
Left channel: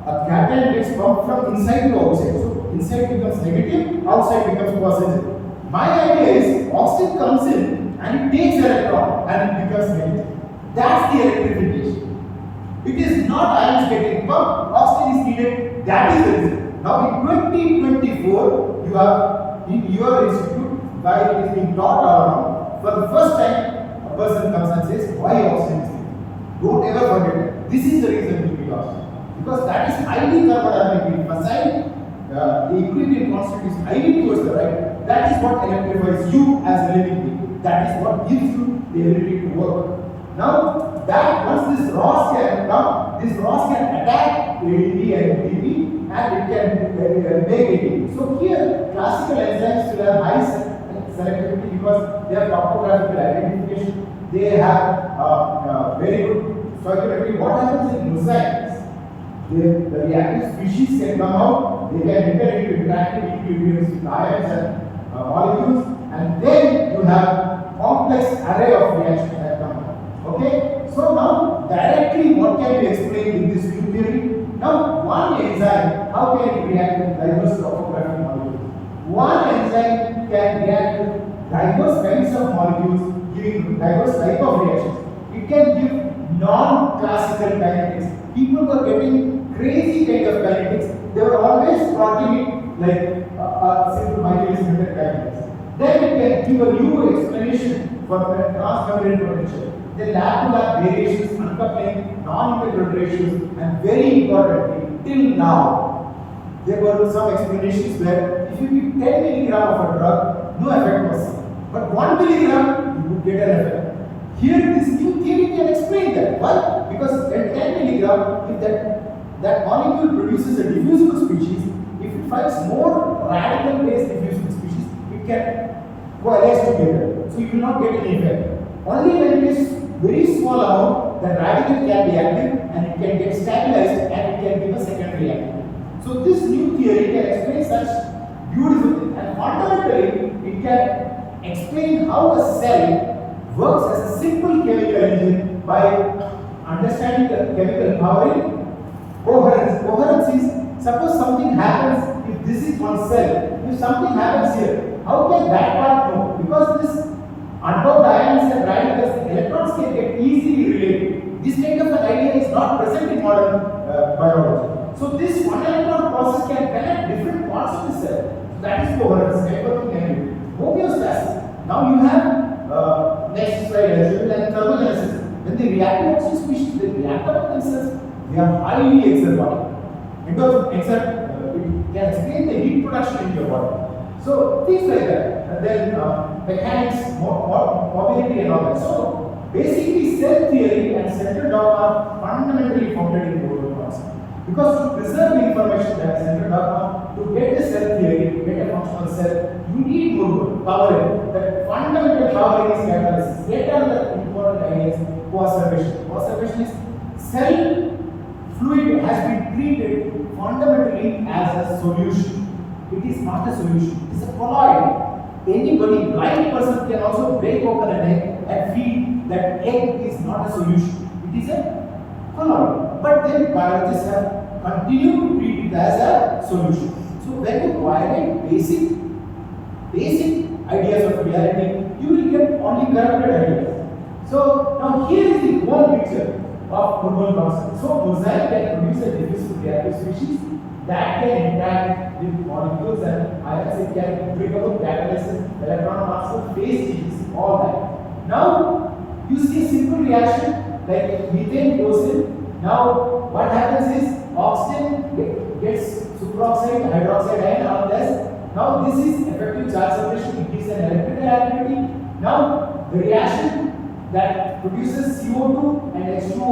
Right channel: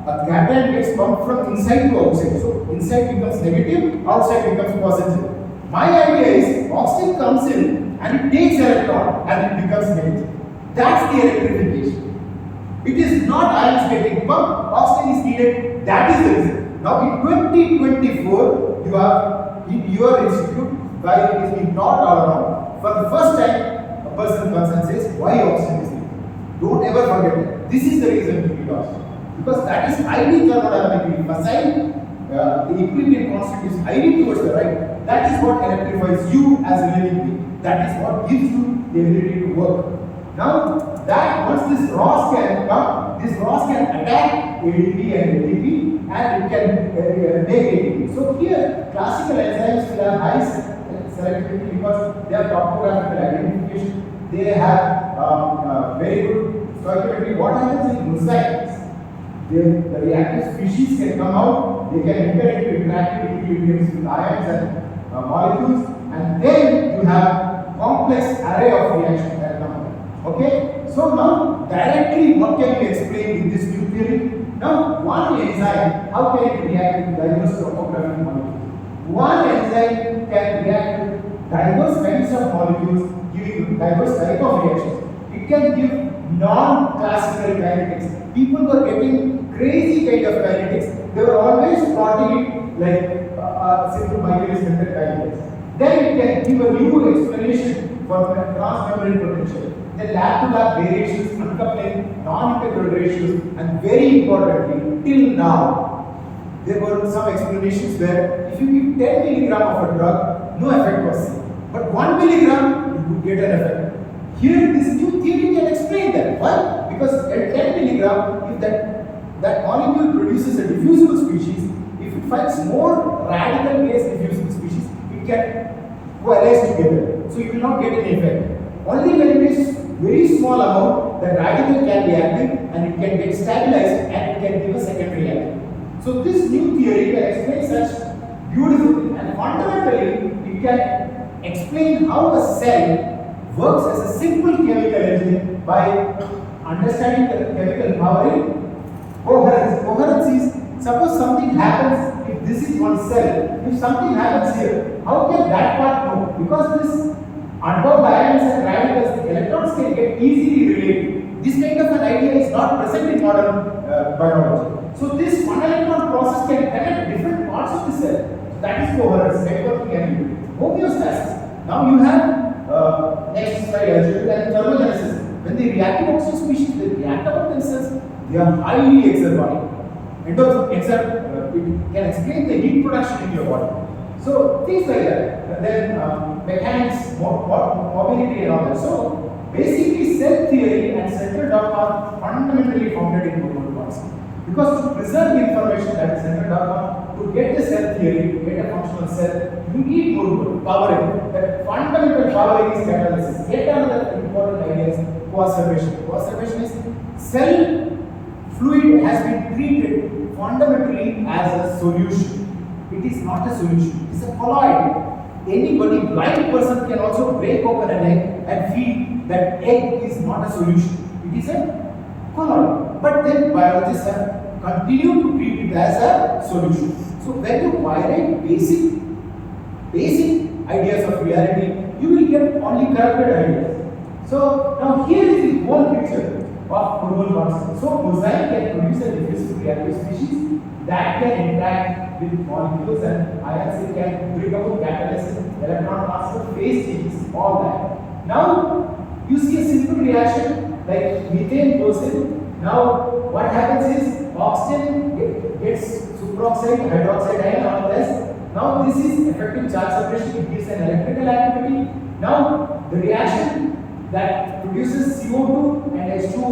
a cation gets pumped from inside to outside. So inside becomes negative, outside becomes positive. My idea is oxygen comes in and it takes an electron and it becomes negative. That's the electrification. It is not ions getting pumped, oxygen is needed that is the reason. Now in 2024, you have in your institute, why it is being taught all around. For the first time, a person comes and says, why oxygen is leaking? Don't ever forget that. This is the reason we need oxygen. Because that is highly thermodynamic. Facile, the equilibrium constant is highly towards the right. That is what electrifies you as a living being. That is what gives you the ability to work. Now, that once this ROS can come, this ROS can attack ADP and ATP and it can make ATP. So here, classical enzymes will have high selectivity because they have topographical identification, they have very good stoichiometry. What happens in mosaics? The reactive species can come out, they can enter into interactive equilibriums with ions and molecules, and then you have complex array of reactions that come out. Okay? So now directly what can be explained in this new theory? Now one enzyme, how can it react with diverse topographic molecules? One enzyme can react with diverse kinds of molecules, giving diverse type of reactions. It can give non-classical kinetics. People were getting crazy kind of kinetics. They were always plotting it like simple microwave kinetics. Then it can give a new explanation for transmembrane potential. The lab-to-lab variations, uncoupling, non-integral ratios, and very importantly, till now, there were some explanations where if you give 10 milligram of a drug, no effect was seen. But 1 milligram, you would get an effect. Here, this new theory can explain that. Why? Because at 10 milligram, if that molecule produces a diffusible species, if it finds more radical based diffusible species, it can coalesce together. So you will not get any effect. Only when it is very small amount, the radical can be active and it can get stabilized and it can give a second reaction. So this new theory can explain such beautiful things, and fundamentally it can explain how a cell works as a simple chemical engine by understanding the chemical powering. Coherence. Coherence is, suppose something happens, if this is one cell, if something happens here, how can that part move? Because this unbound ions and radicals, electrons can get easily related. This kind of an idea is not present in modern biology. So this one electron process can connect different parts of the cell. That is coherence, networking and homeostasis. Now you have next slide as well, and thermogenesis. When they react to oxygen species, they react among themselves. They are highly exergotic. It can explain the heat production in your body. So things like that. And then mechanics, mobility and all that. So basically cell theory and central dogma are fundamentally founded in Murburn concept. Because to preserve the information that is central dogma, to get the cell theory, to get a functional cell, you need Murburn, powering. The fundamental powering is catalysis. Get another important idea is coservation. Coservation is cell fluid has been treated fundamentally as a solution. It is not a solution, it is a colloid. Anybody, blind person can also break open an egg and feel that egg is not a solution. It is a colloid. But then biologists have continued to treat it as a solution. So when you violate basic ideas of reality, you will get only corrupted ideas. So now here is the whole picture of Murburn concept. So mosaic can produce a diffusible reactive species that can interact with molecules and ions. It can bring about catalysis, electron transfer, phase changes, all that. Now you see a simple reaction like methane goes in. Now what happens is oxygen gets superoxide, hydroxide ion, all this. Now this is effective charge separation. It gives an electrical activity. Now the reaction that produces CO2 and H2O,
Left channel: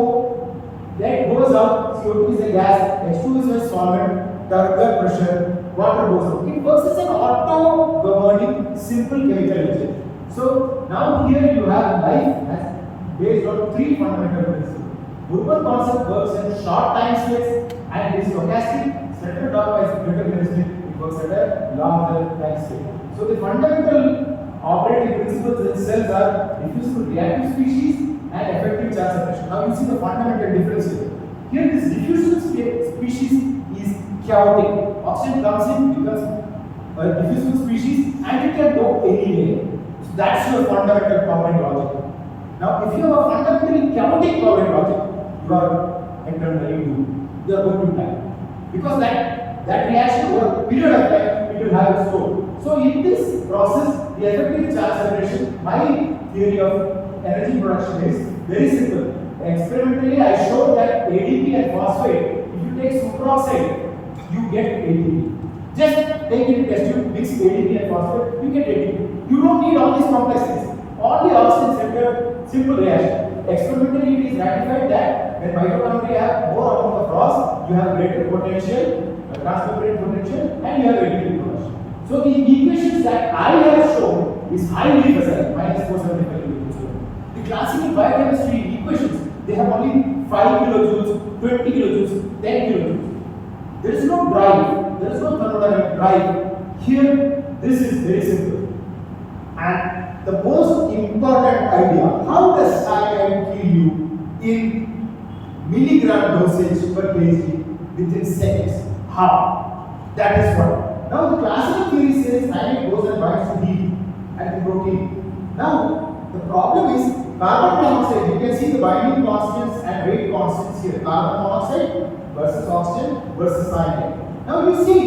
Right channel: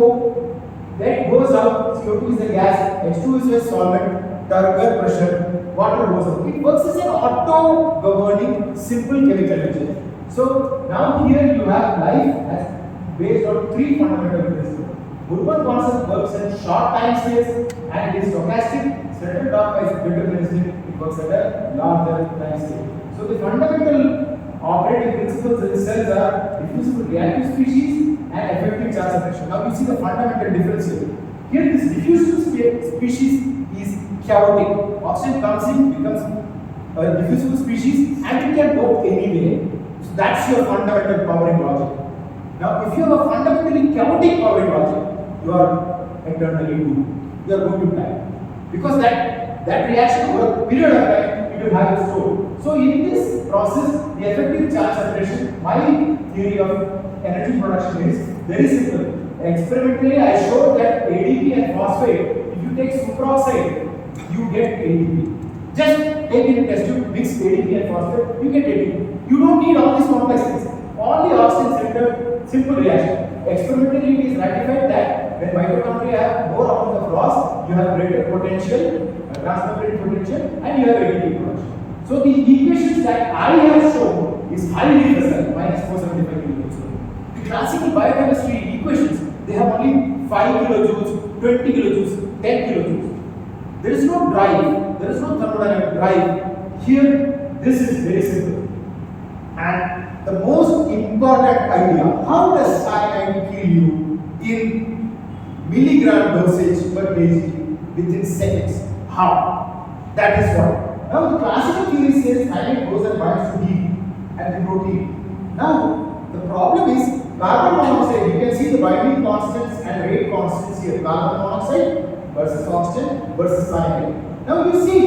that goes out. CO2 is a gas, H2 is a solvent, turgor pressure, water goes out. It works as an auto-governing simple chemical engine. So now here you have life as based on three fundamental principles. Murburn concept works in short time scales and it is stochastic. Central dogma is deterministic. It works at a larger time scale. So the fundamental operating principles in cells are diffusible reactive species and effective charge separation. Now you see the fundamental difference here. Here this diffusible species is chaotic. Oxygen comes in, becomes a diffusible species and it can go anywhere. So that's your fundamental powering logic. Now if you have a fundamentally chaotic powering logic, you are eternally doomed. You are going to die. because that reaction over a period of time it will have its toll. So in this process, the effective charge separation, my theory of energy production is very simple. Experimentally, I showed that ADP and phosphate, if you take superoxide, you get ATP. Just take it, test tube, mix ADP and phosphate, you get ATP. You don't need all these complex things. All the oxygen-centered simple reaction. Experimentally, it is ratified that when mitochondria have more amount of loss, you have greater potential, transfer potential, and you have ATP production. So the equations that I have shown is highly facile, minus 475 kilojoules. The classical biochemistry equations, they have only 5 kilojoules, 20 kilojoules, 10 kilojoules. There is no drive, there is no thermodynamic drive. Here, this is very simple. And the most important idea, how does cyanide kill you in milligram dosage per kg within seconds? How? That is what. Now the classical theory says cyanide goes and binds to heat and to protein. Now the problem is carbon monoxide. You can see the binding constants and rate constants here. Carbon monoxide versus oxygen versus cyanide. Now you see,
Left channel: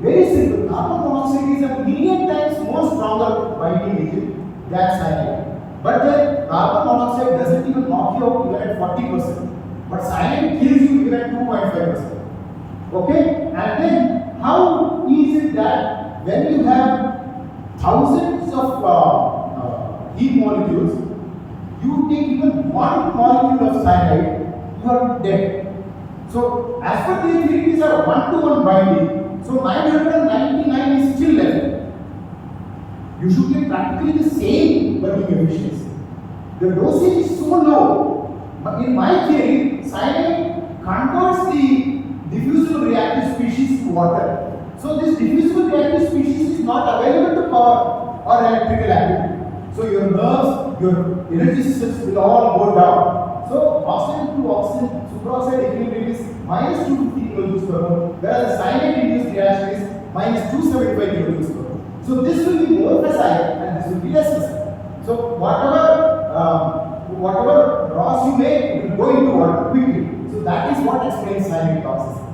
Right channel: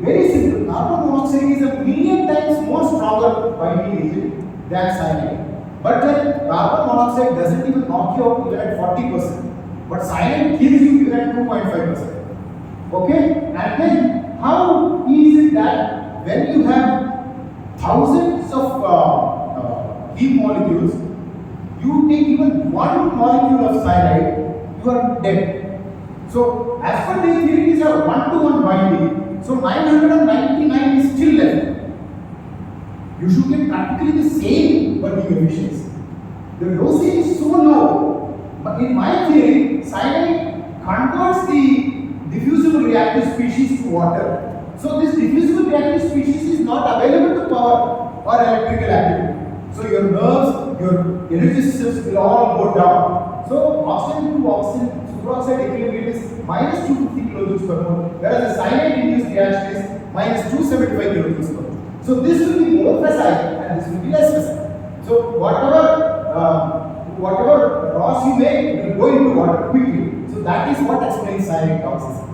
very simple. Carbon monoxide is a million times more stronger binding agent than cyanide. But then carbon monoxide doesn't even knock you out even at 40%. But cyanide kills you even at 2.5%. Okay? And then how is it that when you have thousands of heat molecules, you take even one molecule of cyanide, you are dead. So as per the theory, these are 1-to-1 binding. So 999 is still left. You should get practically the same working efficiency. The dosage is so low. But in my theory, cyanide converts the diffusible reactive species to water. So this diffusible reactive species is not available to power or electrical activity. So your nerves, your energy systems will all go down. So oxygen to oxygen superoxide equilibrium is minus 250 kilojoules per mole, whereas the cyanide-induced reaction is minus 275 kilojoules per mole. So this will be more facile and this will be less facile. So whatever loss you make, it will go into water quickly. So that is what explains cyanide toxicity.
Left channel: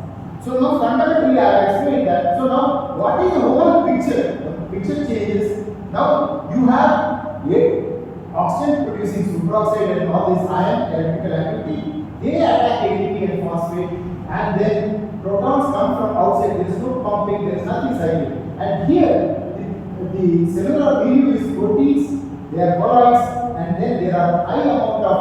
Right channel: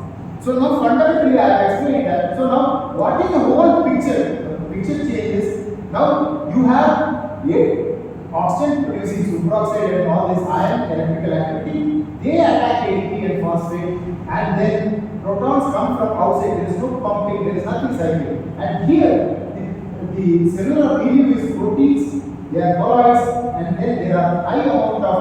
So now fundamentally I have explained that. So now what is the whole picture? The picture changes. Now you have oxygen producing superoxide and all this ion electrical activity. They attack ADP and phosphate, and then protons come from outside. There is no pumping, there is nothing cycling. And here the cellular milieu is proteins, they are colloids, and then there are high amount of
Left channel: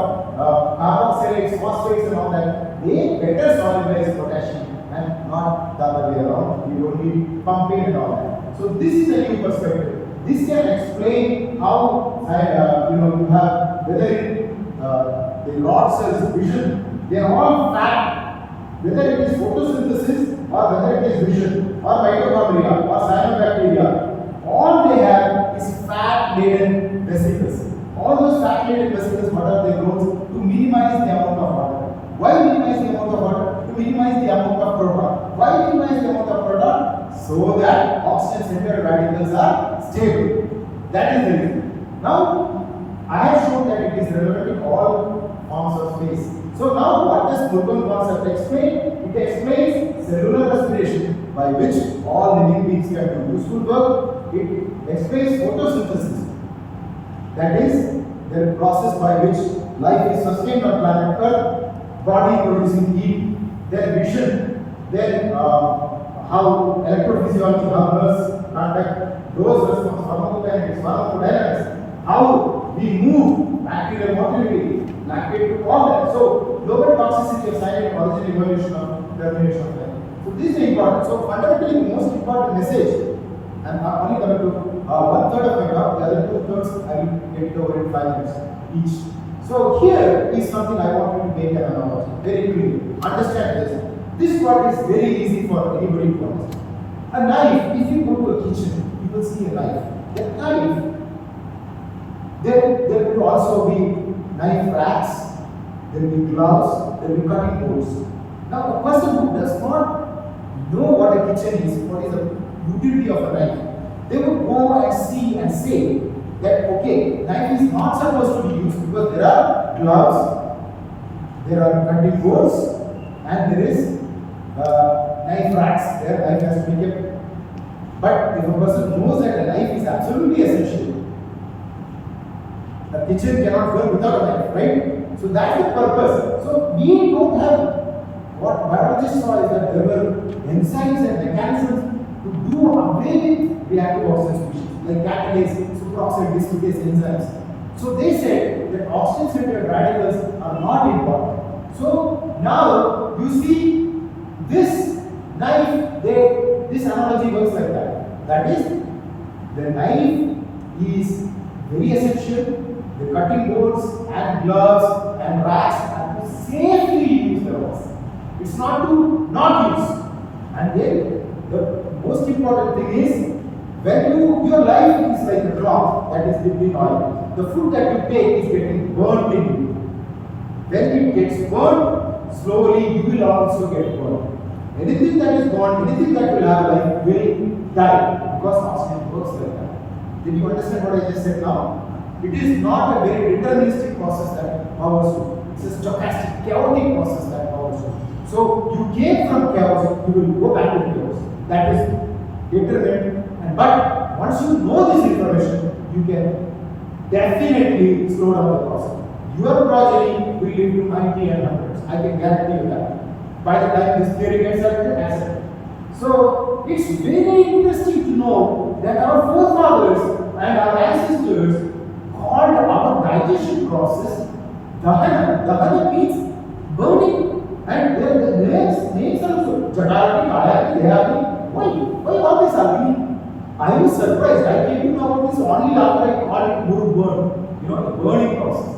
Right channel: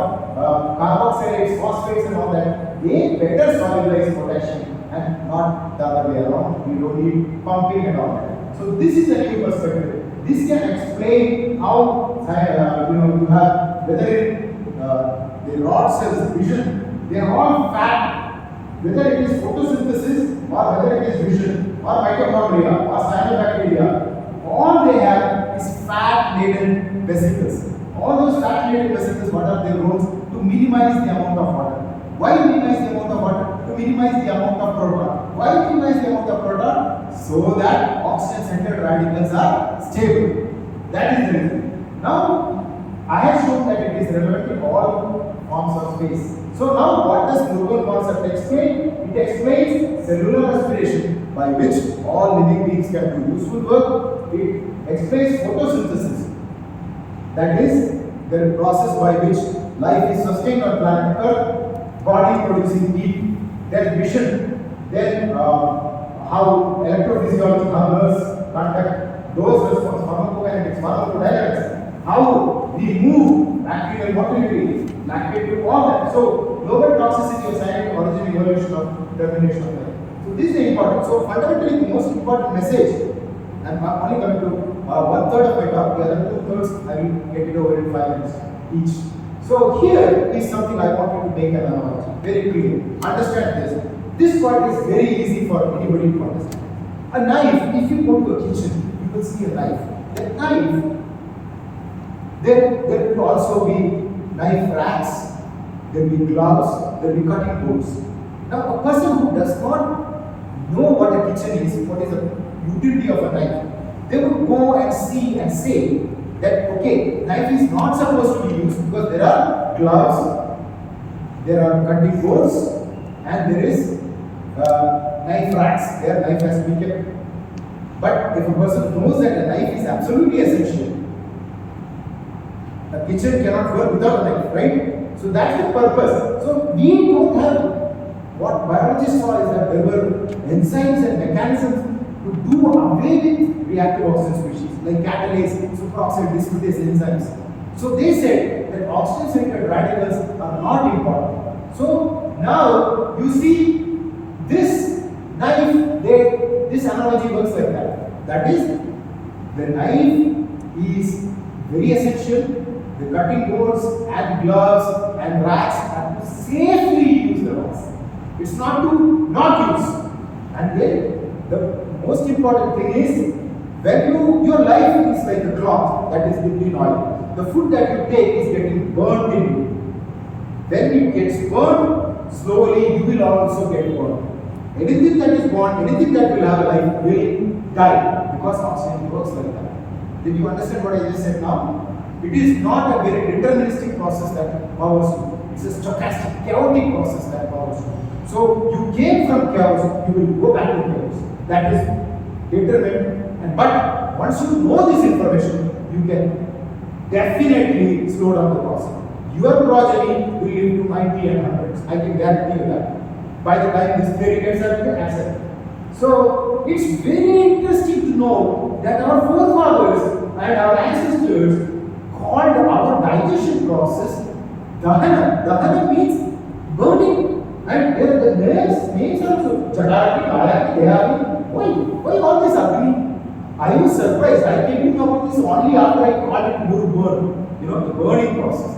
carboxylates, phosphates and all that. They better solubilize potassium and not the other way around. We don't need pumping and all that. So this is a new perspective. This can explain how you have whether the rod cells vision, they are all fat, whether it is photosynthesis or whether it is vision or mitochondria or cyanobacteria, all they have is fat laden vesicles. All those fat laden vesicles, what are their roles? To minimize the amount of water. Why minimize the amount of water? To minimize the amount of proton. Why minimize the amount of proton? So that oxygen centered radicals are stable. That is the reason. Now, I have shown that it is relevant in all forms of space. So now what does Murburn concept explain? It explains cellular respiration by which all living beings can do useful work. It explains photosynthesis. That is the process by which life is sustained on planet Earth, body producing heat, then vision, then how electrophysiology, how nerves conduct those responses, pharmacokinetics, pharmacodynamics, how we move, bacterial motility, lactate, all that. So, global toxicity of cyanide, origin, evolution of termination of life. So, this is important. So, fundamentally, the most important message, and I'm only coming to 1/3 of my talk, the other 2/3 I will get it over in 5 minutes each. So, here is something I want you to make an analogy, very clear. Understand this. This part is very easy for anybody to understand. A knife, if you go to a kitchen, you will see a knife. The knife, there will also be knife racks, there will be gloves, there will be cutting boards. Now, a person who does not know what a kitchen is, what is the utility of a knife, they would go and see and say that, okay, knife is not supposed to be used because there are gloves, there are cutting boards, and there is knife racks, their life has to be kept. But if a person knows that a knife is absolutely essential, a kitchen cannot work without a knife, right? So that's the purpose. So we don't have, what biologists saw is that there were enzymes and mechanisms to do away with reactive oxygen species, like catalase, superoxide dismutase enzymes. So they said that oxygen-centered radicals are not important. So now you see this knife, this analogy works like that. That is, the knife is very essential. The cutting boards and gloves and racks are to safely use the rocks. It's not to not use. And then the most important thing is, when your life is like a cloth that is between oil. The food that you take is getting burnt in you. When it gets burnt, slowly you will also get burnt. Anything that is burnt, anything that will have life will die, because oxygen works like that. Did you understand what I just said now? It is not a very deterministic process that powers you. It's a stochastic, chaotic process that powers you. So you came from chaos, you will go back to chaos. That is determined. But once you know this information, you can definitely slow down the process. Your progeny will live to 90 and 100s. I can guarantee you that. By the time this theory gets accepted. So it's very interesting to know that our forefathers and our ancestors called our digestion process dahana. Dahana means burning. And the names are also Jadati, Kayaki, Deyaki. Why all this argument? I was surprised. I came to know about this only after I called it Murburn, the burning process.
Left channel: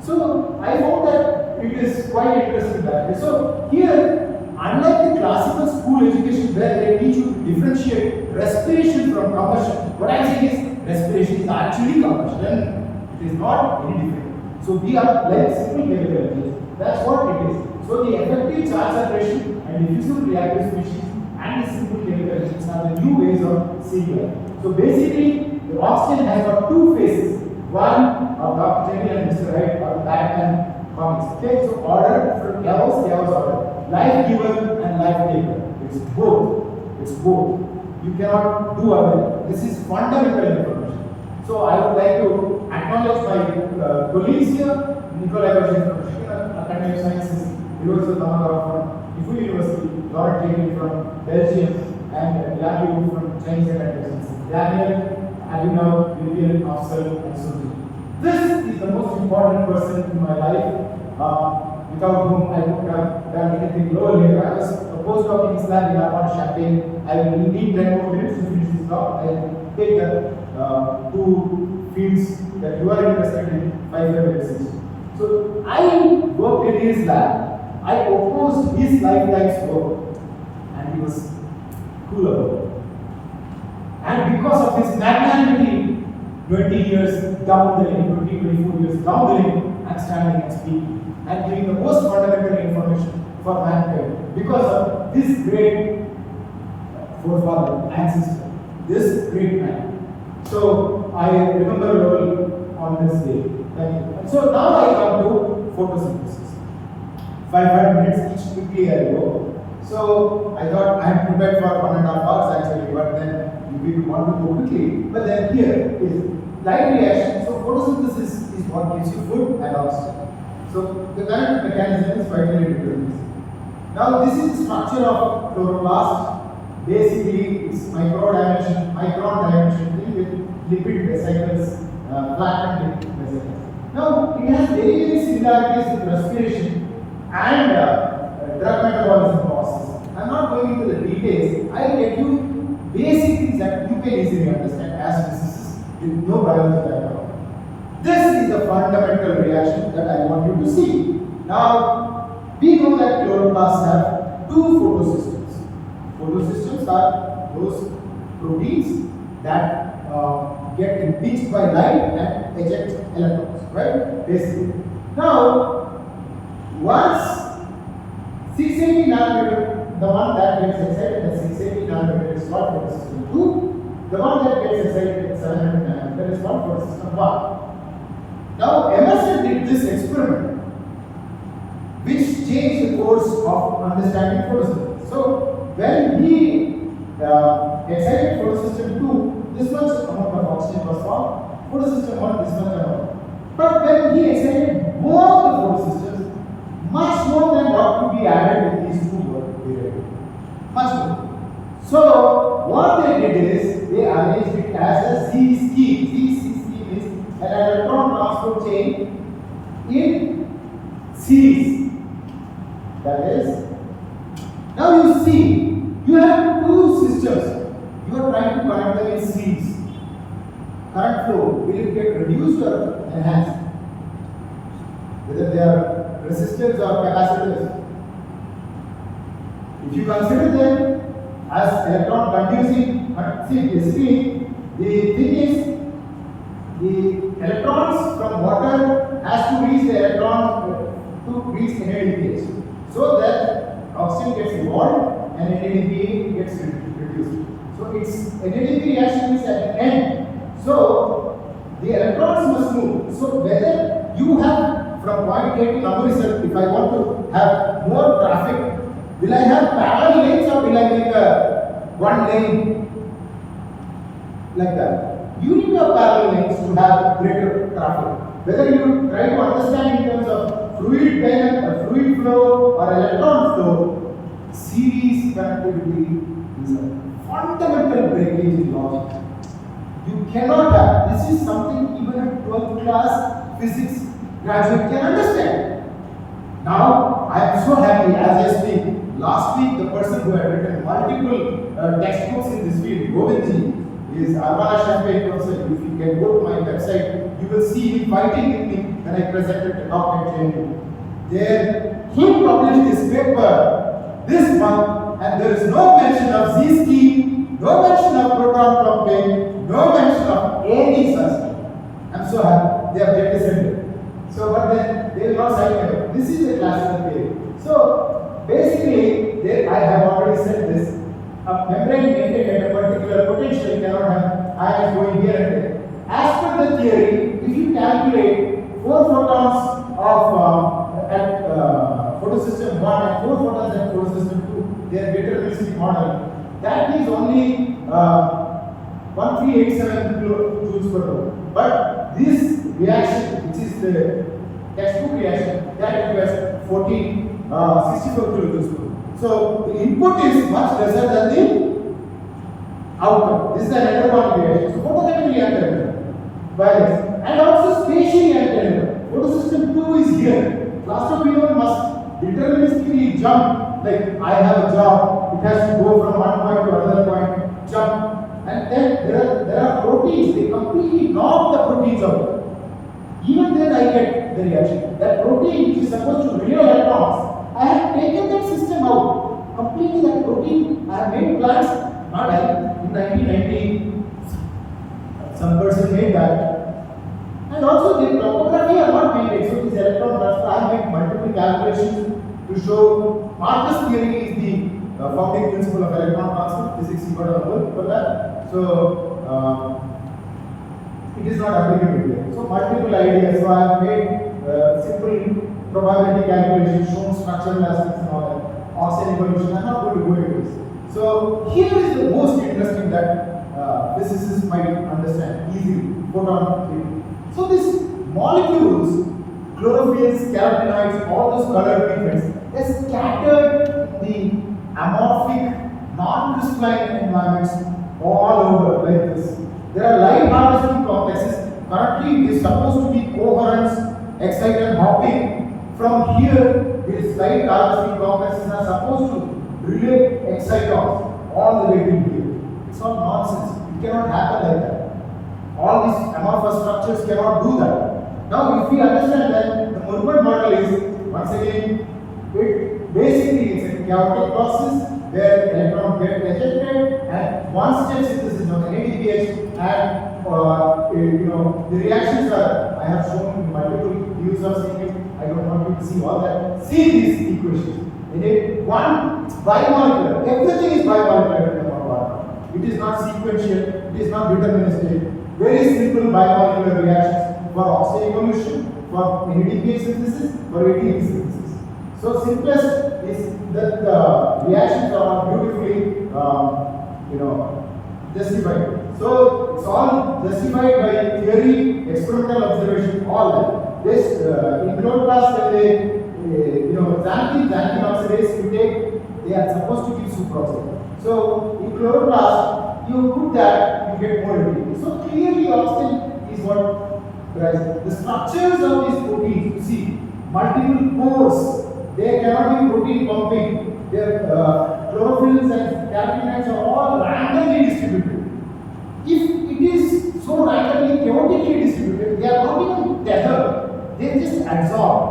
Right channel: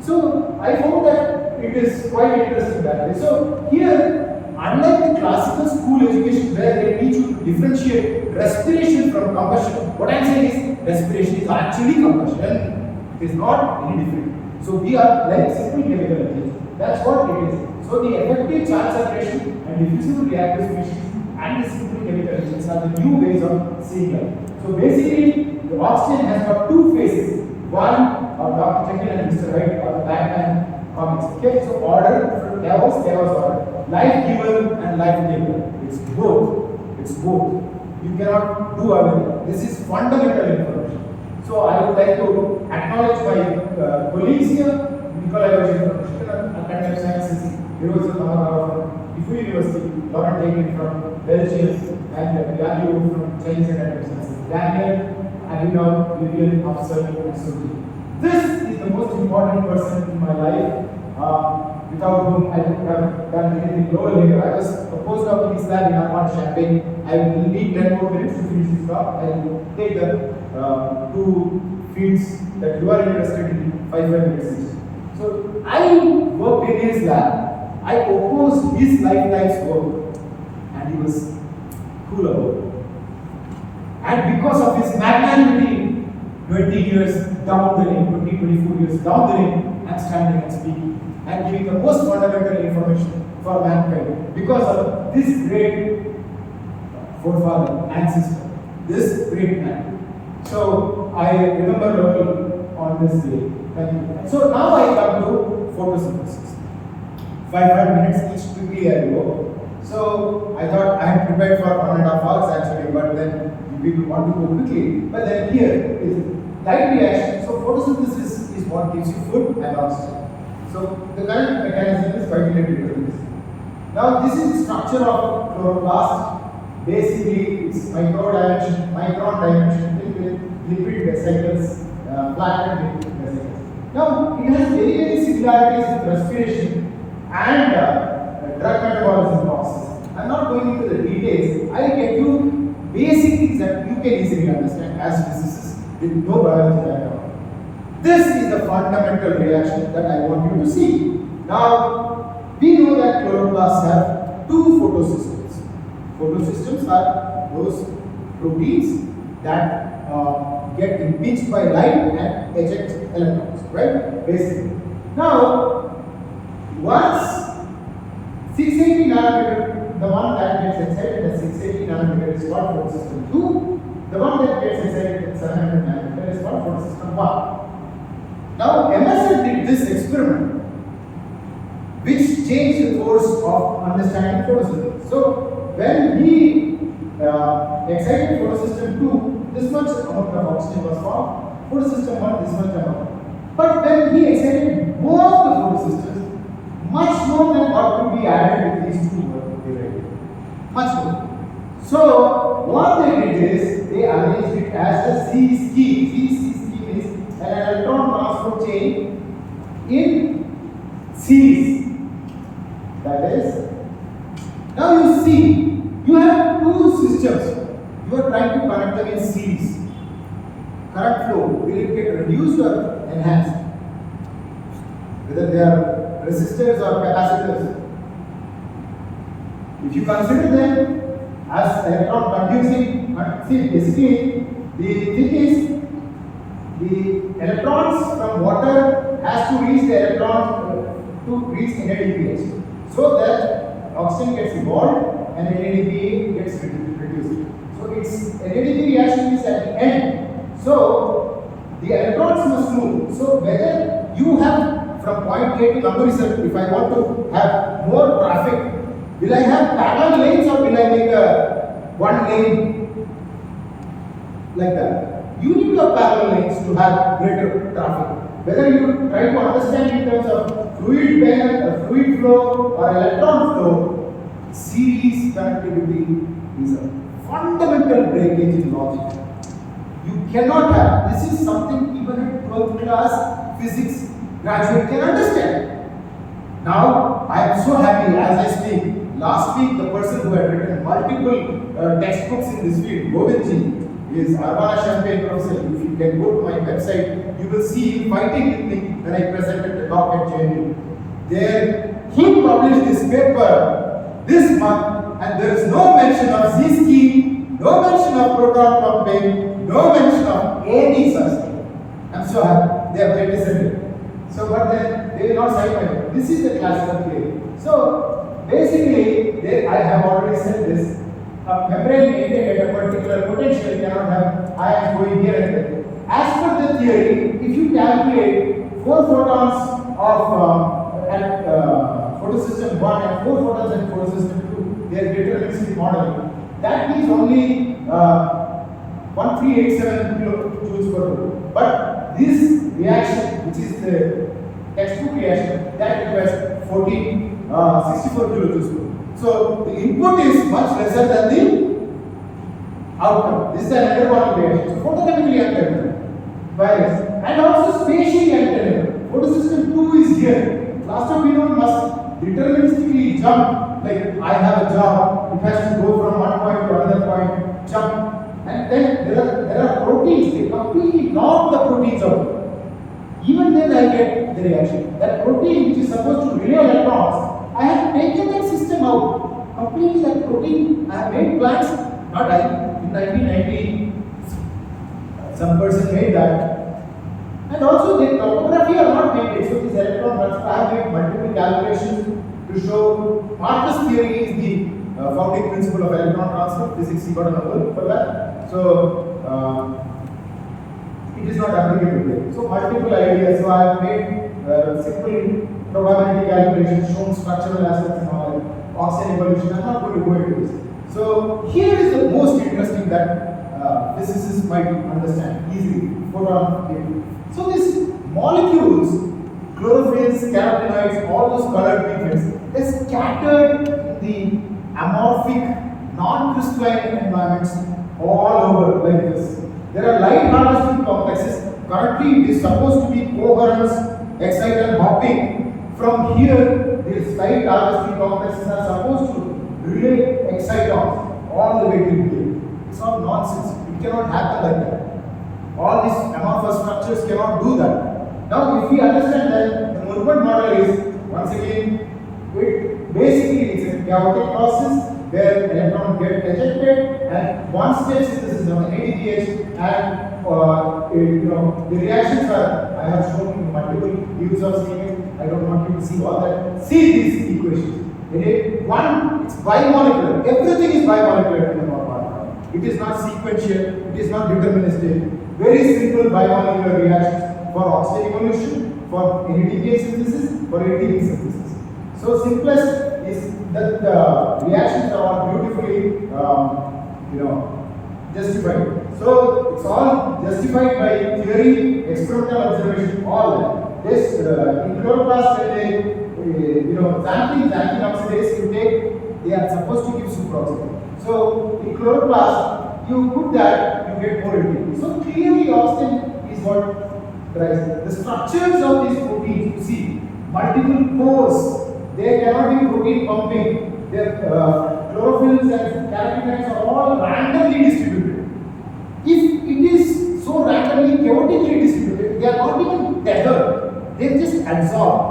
So I found that it is quite interesting that. So here, unlike the classical school education where they teach you to differentiate respiration from combustion, what I am saying is respiration is actually combustion. It is not any different. So we are like simple chemical energies. That's what it is. So the effective charge separation and diffusible reactive species and the simple chemical energies are the new ways of seeing it. So basically, the oxygen has got two phases. One of Dr. Jekyll and Mr. Hyde are the Batman comics. Okay, so order from chaos, chaos order. Life giver and life taker. It's both. It's both. You cannot do away. This is fundamental information. So I would like to acknowledge my colleagues here. Nikolai Roshan from Michigan Academy of Sciences, University of Tamil from Ifu University, Laurent Taken from Belgium, and Yalu from Chinese Academy of Sciences. Daniel, Abhinav, Vivian, Afsal, and Suji. This is the most important person in my life, without whom I would have done anything lower here. I was a postdoc in Islam in Armand Champagne. I will need 10 more minutes to finish this talk. I will take the two fields that you are interested in 5 minutes each. So I worked in his lab. I opposed his lifetime's work, and he was cool about it. And because of his magnanimity, 20 years down the lane, 24 years down the lane, I'm standing and speaking and giving the most fundamental information for mankind because of this great forefather, ancestor, this great man. So I remember all on this day. Thank you. So now I come to photosynthesis. 5 minutes each quickly I go. So I thought I had prepared for 1.5 hours actually, but then people want to go quickly. But then here is light reaction. So photosynthesis is what gives you food and oxygen. So the current mechanism is finally deterministic. Now this is the structure of chloroplast. Basically, it's micron dimension filled with lipid vesicles, flattened lipid vesicles. Now it has very similarities with respiration and drug metabolism process. I'm not going into the details. I'll get you basic things that you can easily understand as physicists with no biology background. This is the fundamental reaction that I want you to see. Now, we know that chloroplasts have two photosystems. Photosystems are those proteins that get impinged by light and eject electrons, right? Basically. Now, once 680 nanometer, the one that gets excited at 680 nanometer is called photosystem 2. The one that gets excited at 700 nanometer is called photosystem 1. Now, Emerson did this experiment which changed the course of understanding photosynthesis. So, when he excited photosystem 2, this much amount of oxygen was formed, photosystem 1, this much amount. But when he excited both the photosystems, much more than what could be added with these two were derived. Much more. So what they did is they arranged it as a Z scheme. Z scheme is an electron transport chain in series. That is, now you see, you have two systems. You are trying to connect them in series. Current flow will it get reduced or enhanced? Whether they are resistors or capacitors. If you consider them as electron conducing, see basically the thing is the electrons from water has to reach the electron to reach NADPH, so that oxygen gets evolved and NADPH gets reduced. So its NADP reaction is at the end. So the electrons must move. So whether you have from point A to number result, if I want to have more traffic, will I have parallel lanes or will I make a one lane like that? You need to have parallel lanes to have greater traffic. Whether you try to understand in terms of fluid bend, fluid flow or electron flow, series connectivity is a fundamental breakage in logic. You cannot have, this is something even a 12th class physics graduate can understand. Now, I am so happy as I speak. Last week, the person who had written multiple textbooks in this field, Govindji, is Arvana Champagne professor. If you can go to my website, you will see him fighting with me when I presented the talk at JNU. There, he published this paper this month, and there is no mention of Z-scheme, no mention of proton pumping, no mention of any such thing. I'm so happy they have jettisoned it. So, but then they will not cite it. This is the classical theory. So, basically, I have already said this. A membrane maintained at a particular potential cannot have ions going here and there. As per the theory, if you calculate 4 photons of at photosystem 1 and 4 photons at photosystem 2, their deterministic model, that is only 1387 kilojoules per mole. But this reaction, which is the textbook reaction, that requires 64 kilojoules per mole. So the input is much lesser than the outcome. This is an anabolic reaction. So photochemically untenable, virus, and also spatially untenable. Photosystem 2 is here. Cluster P1 must deterministically jump. Like I have a job, it has to go from one point to another point, jump. And then there are proteins, they completely knock the proteins out. Even then I get the reaction. That protein which is supposed to relay electrons, I have taken that system out. Completely that protein, I have made plans, not I, in 1990, some person made that. And also the topography are not made, so this electron transfer, I have made multiple calculations to show Marcus theory is the founding principle of electron transfer. Physics, he got a Nobel for that. So, it is not applicable here. So, multiple ideas. So, I have made simple probability calculations, shown structural aspects and all that, oxygen evolution. I am not going to go into this. So, here is the most interesting that physicists might understand easily. Photon theory. So, these molecules, chlorophylls, carotenoids, all those colored pigments, they are scattered in the amorphic, non-crystalline environments all over like this. There are light harvesting complexes. Currently, it is supposed to be coherence, exciton hopping. From here, these light harvesting complexes are supposed to relay excitons all the way to here. It's all nonsense. It cannot happen like that. All these amorphous structures cannot do that. Now, if we understand that the Murburn model is, once again, it basically it's a chaotic process where electrons get ejected and one stage synthesis is on NADPH and the reactions are, I have shown multiple views of seeing it. I don't want you to see all that. See these equations. One, it's bimolecular. Everything is bimolecular in the Murburn. It is not sequential, it is not deterministic. Very simple bimolecular reactions for oxygen evolution, for NADPH synthesis, for ATP synthesis. So simplest is that reactions are beautifully, justified. So it's all justified by theory, experimental observation, all that. This in chloroplast, when they, xanthine oxidase you take, they are supposed to give superoxide. So in chloroplast, you put that, you get more ATP. So clearly, oxygen is what drives the structures of these proteins. You see, multiple pores. They cannot be protein pumping. Their chlorophylls and carotenoids are all randomly distributed. If it is so randomly, chaotically distributed, they are not even tethered. They just absorb.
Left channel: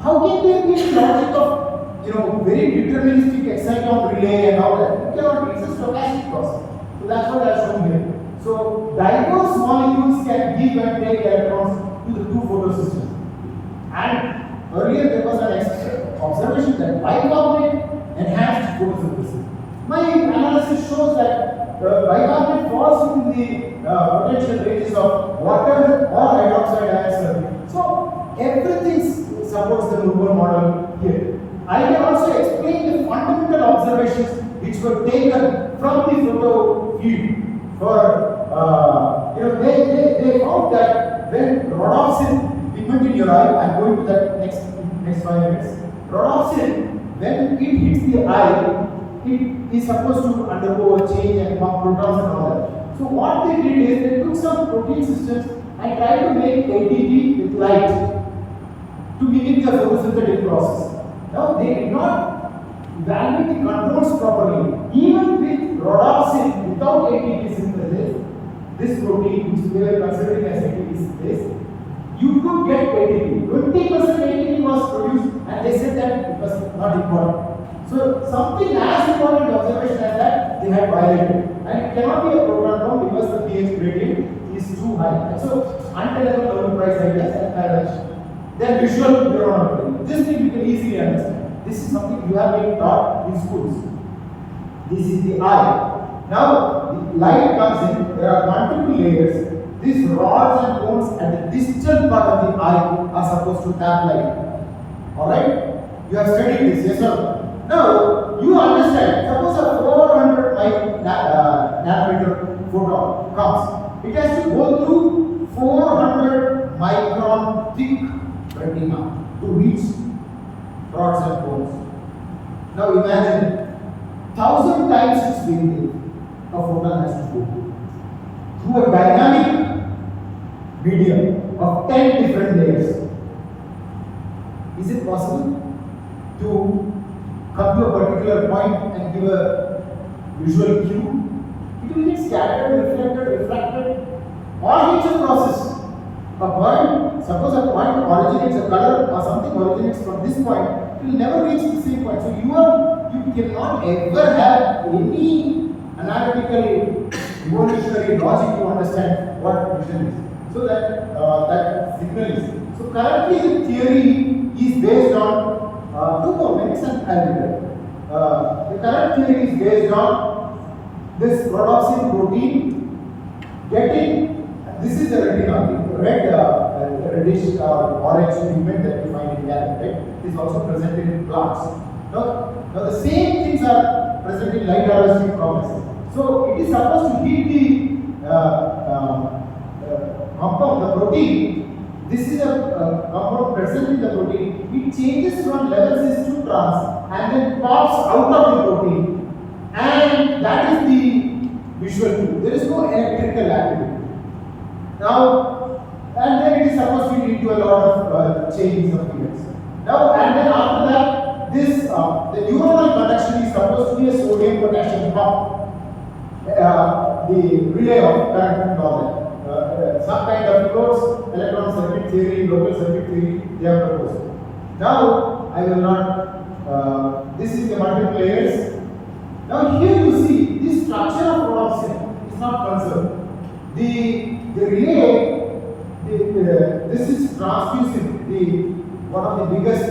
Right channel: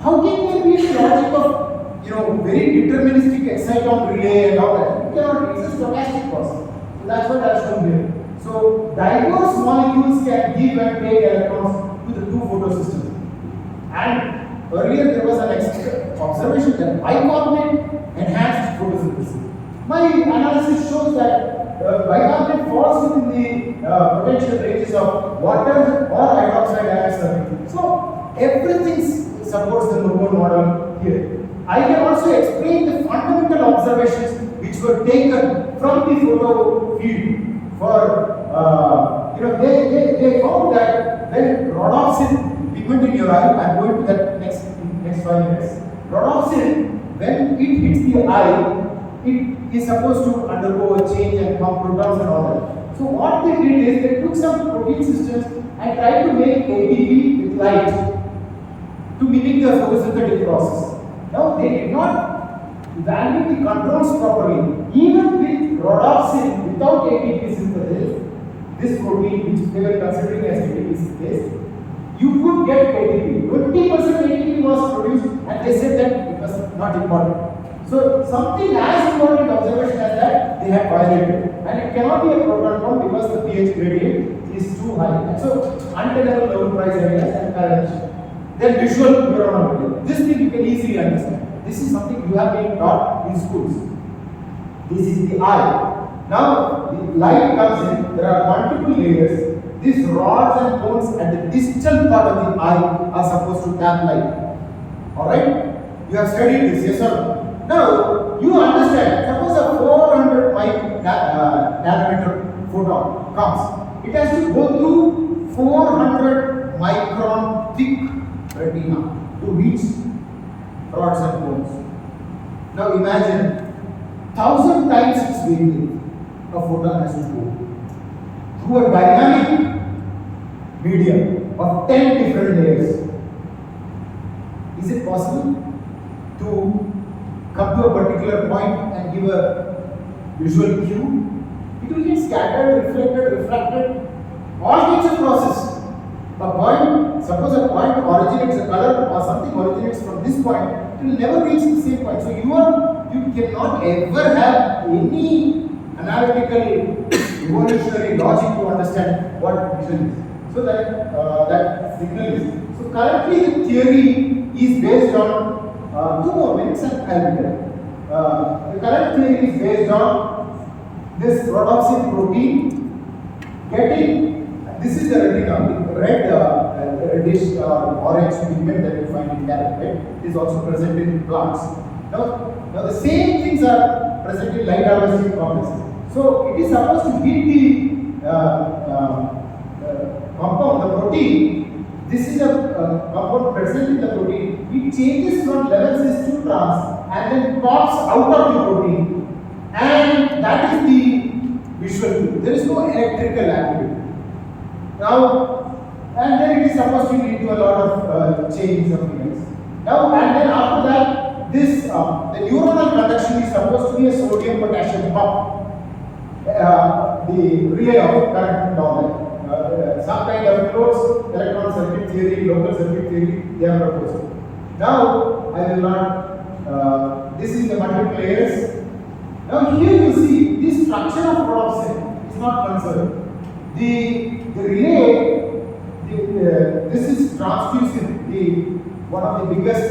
How can there be a logic of very deterministic exciton relay and all that? It cannot. It's a stochastic process. So that's what I have shown here. So diverse molecules can give and take electrons to the two photosystems. And earlier there was an observation that bicarbonate enhanced photosynthesis. My analysis shows that bicarbonate falls within the potential ranges of water or hydroxide ion circuit. So everything supports the Murburn model here. I can also explain the fundamental observations which were taken from the photo field. For they found that when rhodopsin pigment in your eye, I am going to that next 5 minutes. Rhodopsin, when it hits the eye, it is supposed to undergo a change and pump protons and all that. So what they did is they took some protein systems and tried to make ATP with light to mimic the photosynthetic process. Now they did not evaluate the controls properly. Even with rhodopsin without ATP synthesis, this protein which they were considering as ATP synthesis, you could get ATP. 20% ATP was produced and they said that it was not important. So something as important observation as that they had violated. And it cannot be a proton pump because the pH gradient is too high. And so untenable Nobel Prize ideas and correlation. Then visual neurometry. This thing you can easily understand. This is something you have been taught in schools. This is the eye. Now the light comes in, there are multiple layers. These rods and cones at the distal part of the eye are supposed to tap light. Alright? You have studied this, yes or no? Now, you understand, suppose a 400 nanometer photon comes. It has to go through 400 micron thick retina to reach rods and cones. Now imagine, 1,000 times its wavelength a photon has to go through a dynamic medium of 10 different layers. Is it possible to come to a particular point and give a visual cue? It will get scattered, reflected, refracted, all kinds of process. A point, suppose a point originates, a color or something originates from this point, it will never reach the same point. So you cannot ever have any analytical evolutionary logic to understand what vision is. So that signal is. So currently the theory is based on 2 more minutes and I will tell. The current theory is based on this rhodopsin protein getting, this is the retina, the red reddish orange pigment that you find in carrot, is also present in plants. Now the same things are present in light harvesting complexes. So it is supposed to heat the compound, the protein. This is a compound present in the protein. It changes from level cis to trans and then pops out of the protein, and that is the visual cue. There is no electrical activity. Now, and then it is supposed to lead to a lot of changes of events. Now, and then after that, this the neuronal conduction is supposed to be a sodium potassium pump. The relay of current and all that. Some kind of closed electron circuit theory, local circuit theory, they have proposed. Now, I will not, this is the multiple layers. Now, here you see, this structure of rhodopsin is not conserved. The relay, this is transfusin, one of the biggest,